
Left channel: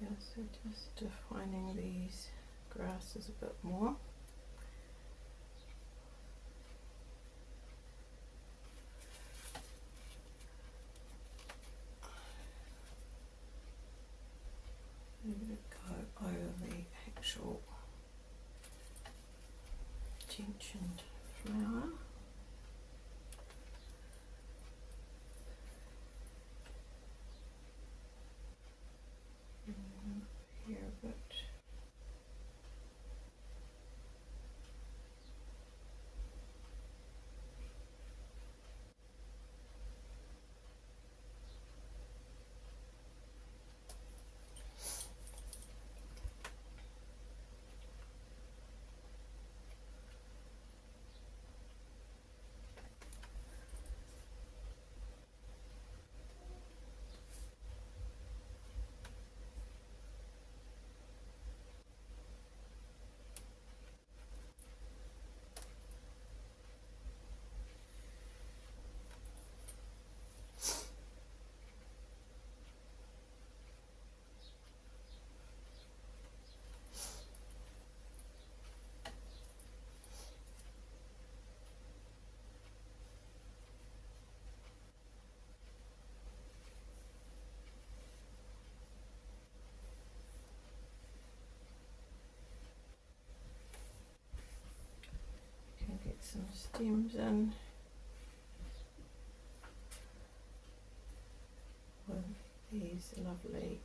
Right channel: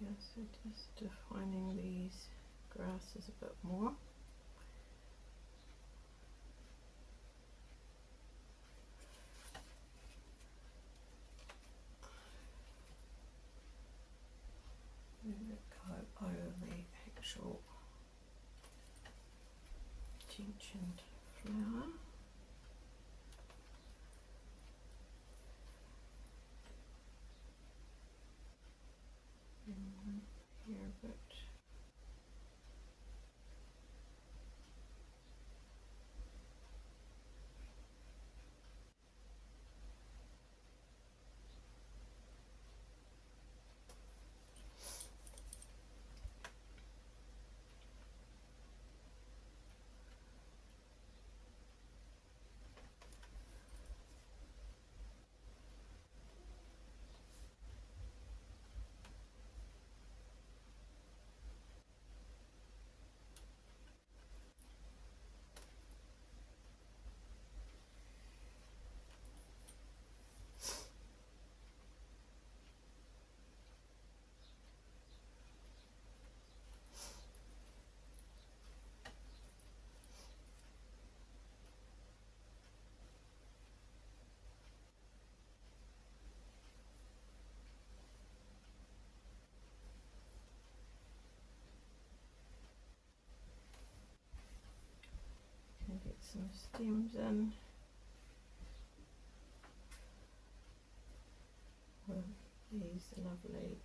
Yeah, so just defining these grasses a bit more. Go over the actual gentian flower. And here a bit. Can get some stems in with these lovely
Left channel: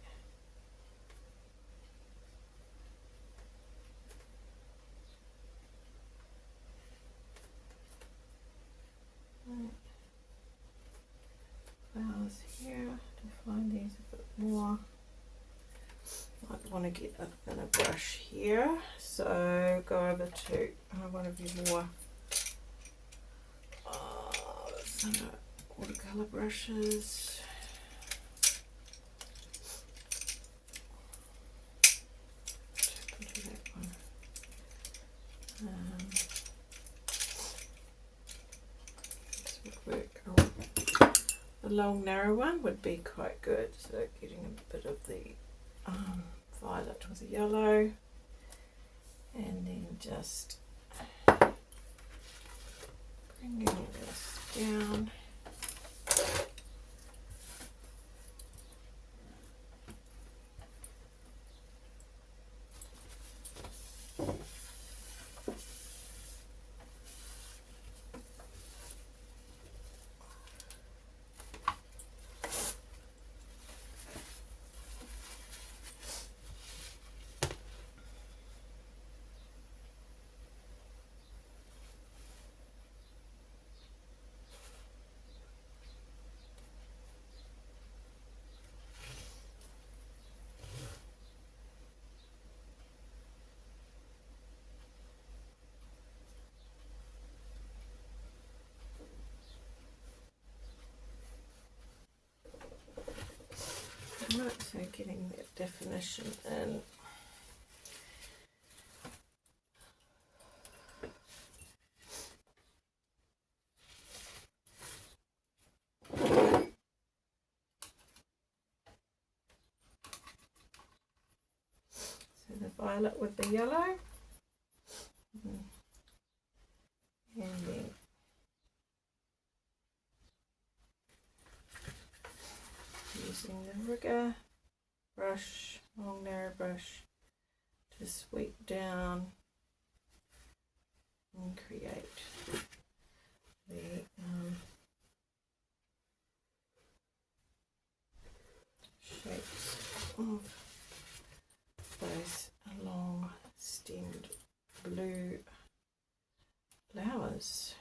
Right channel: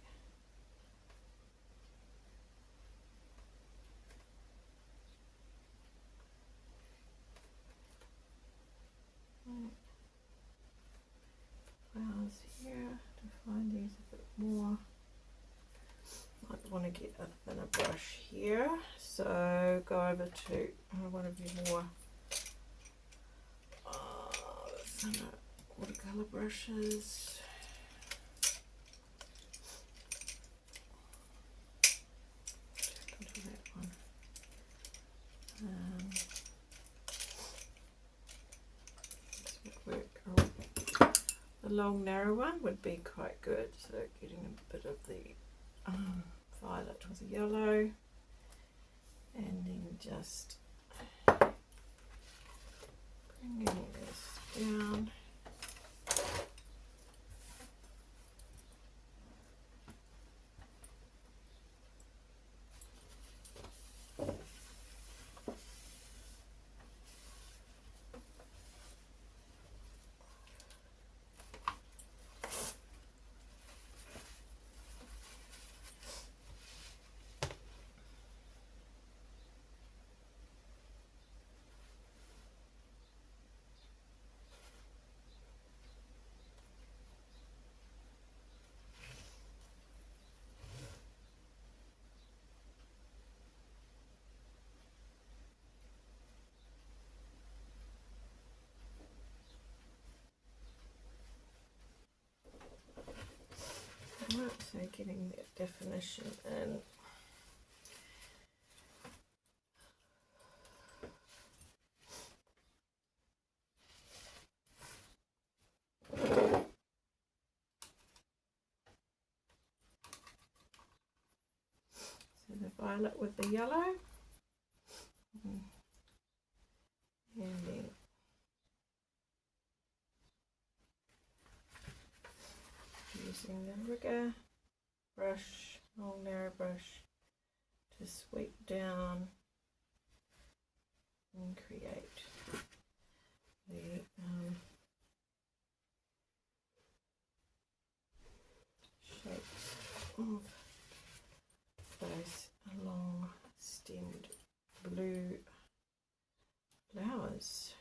flowers here. Define these a bit more. Might want to get a thinner brush here, so go over to one of your more thinner watercolour brushes. Into that one. This would work. The long narrow one would be quite good, so getting a bit of the violet with the yellow, and then just bringing this down. Right, so getting that definition in. violet with the yellow. And then using the rigger brush, long narrow brush, to sweep down and create the shapes of those long stemmed blue flowers.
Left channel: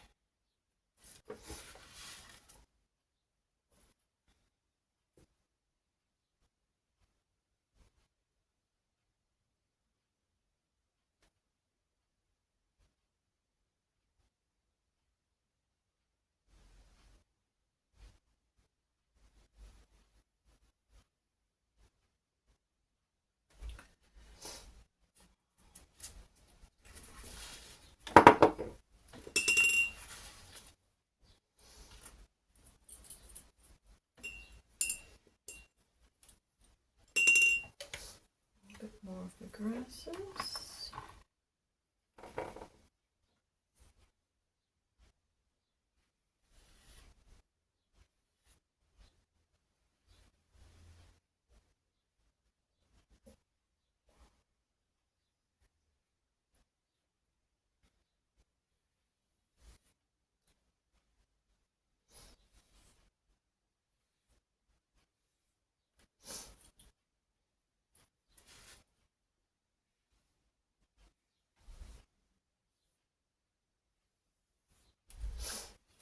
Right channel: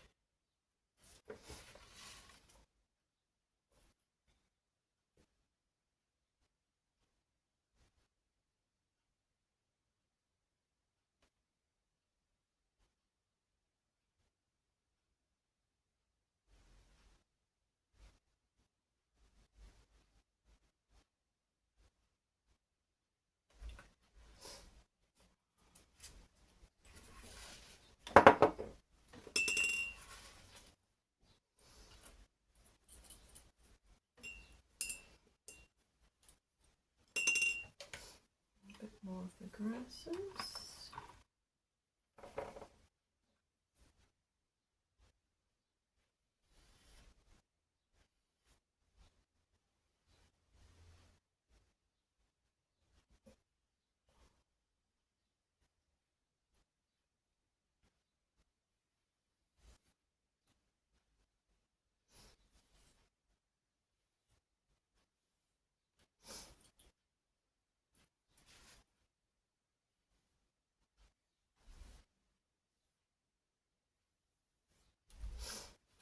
A bit more of the grasses.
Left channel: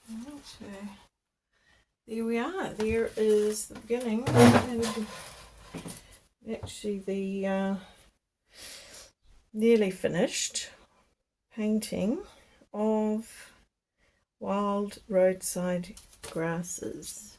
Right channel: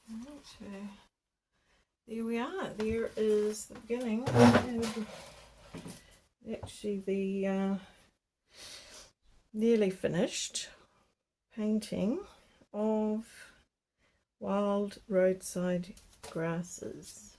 Okay, there we are. There is the beginning, and actually the nearly finished painting of wild roadside grasses.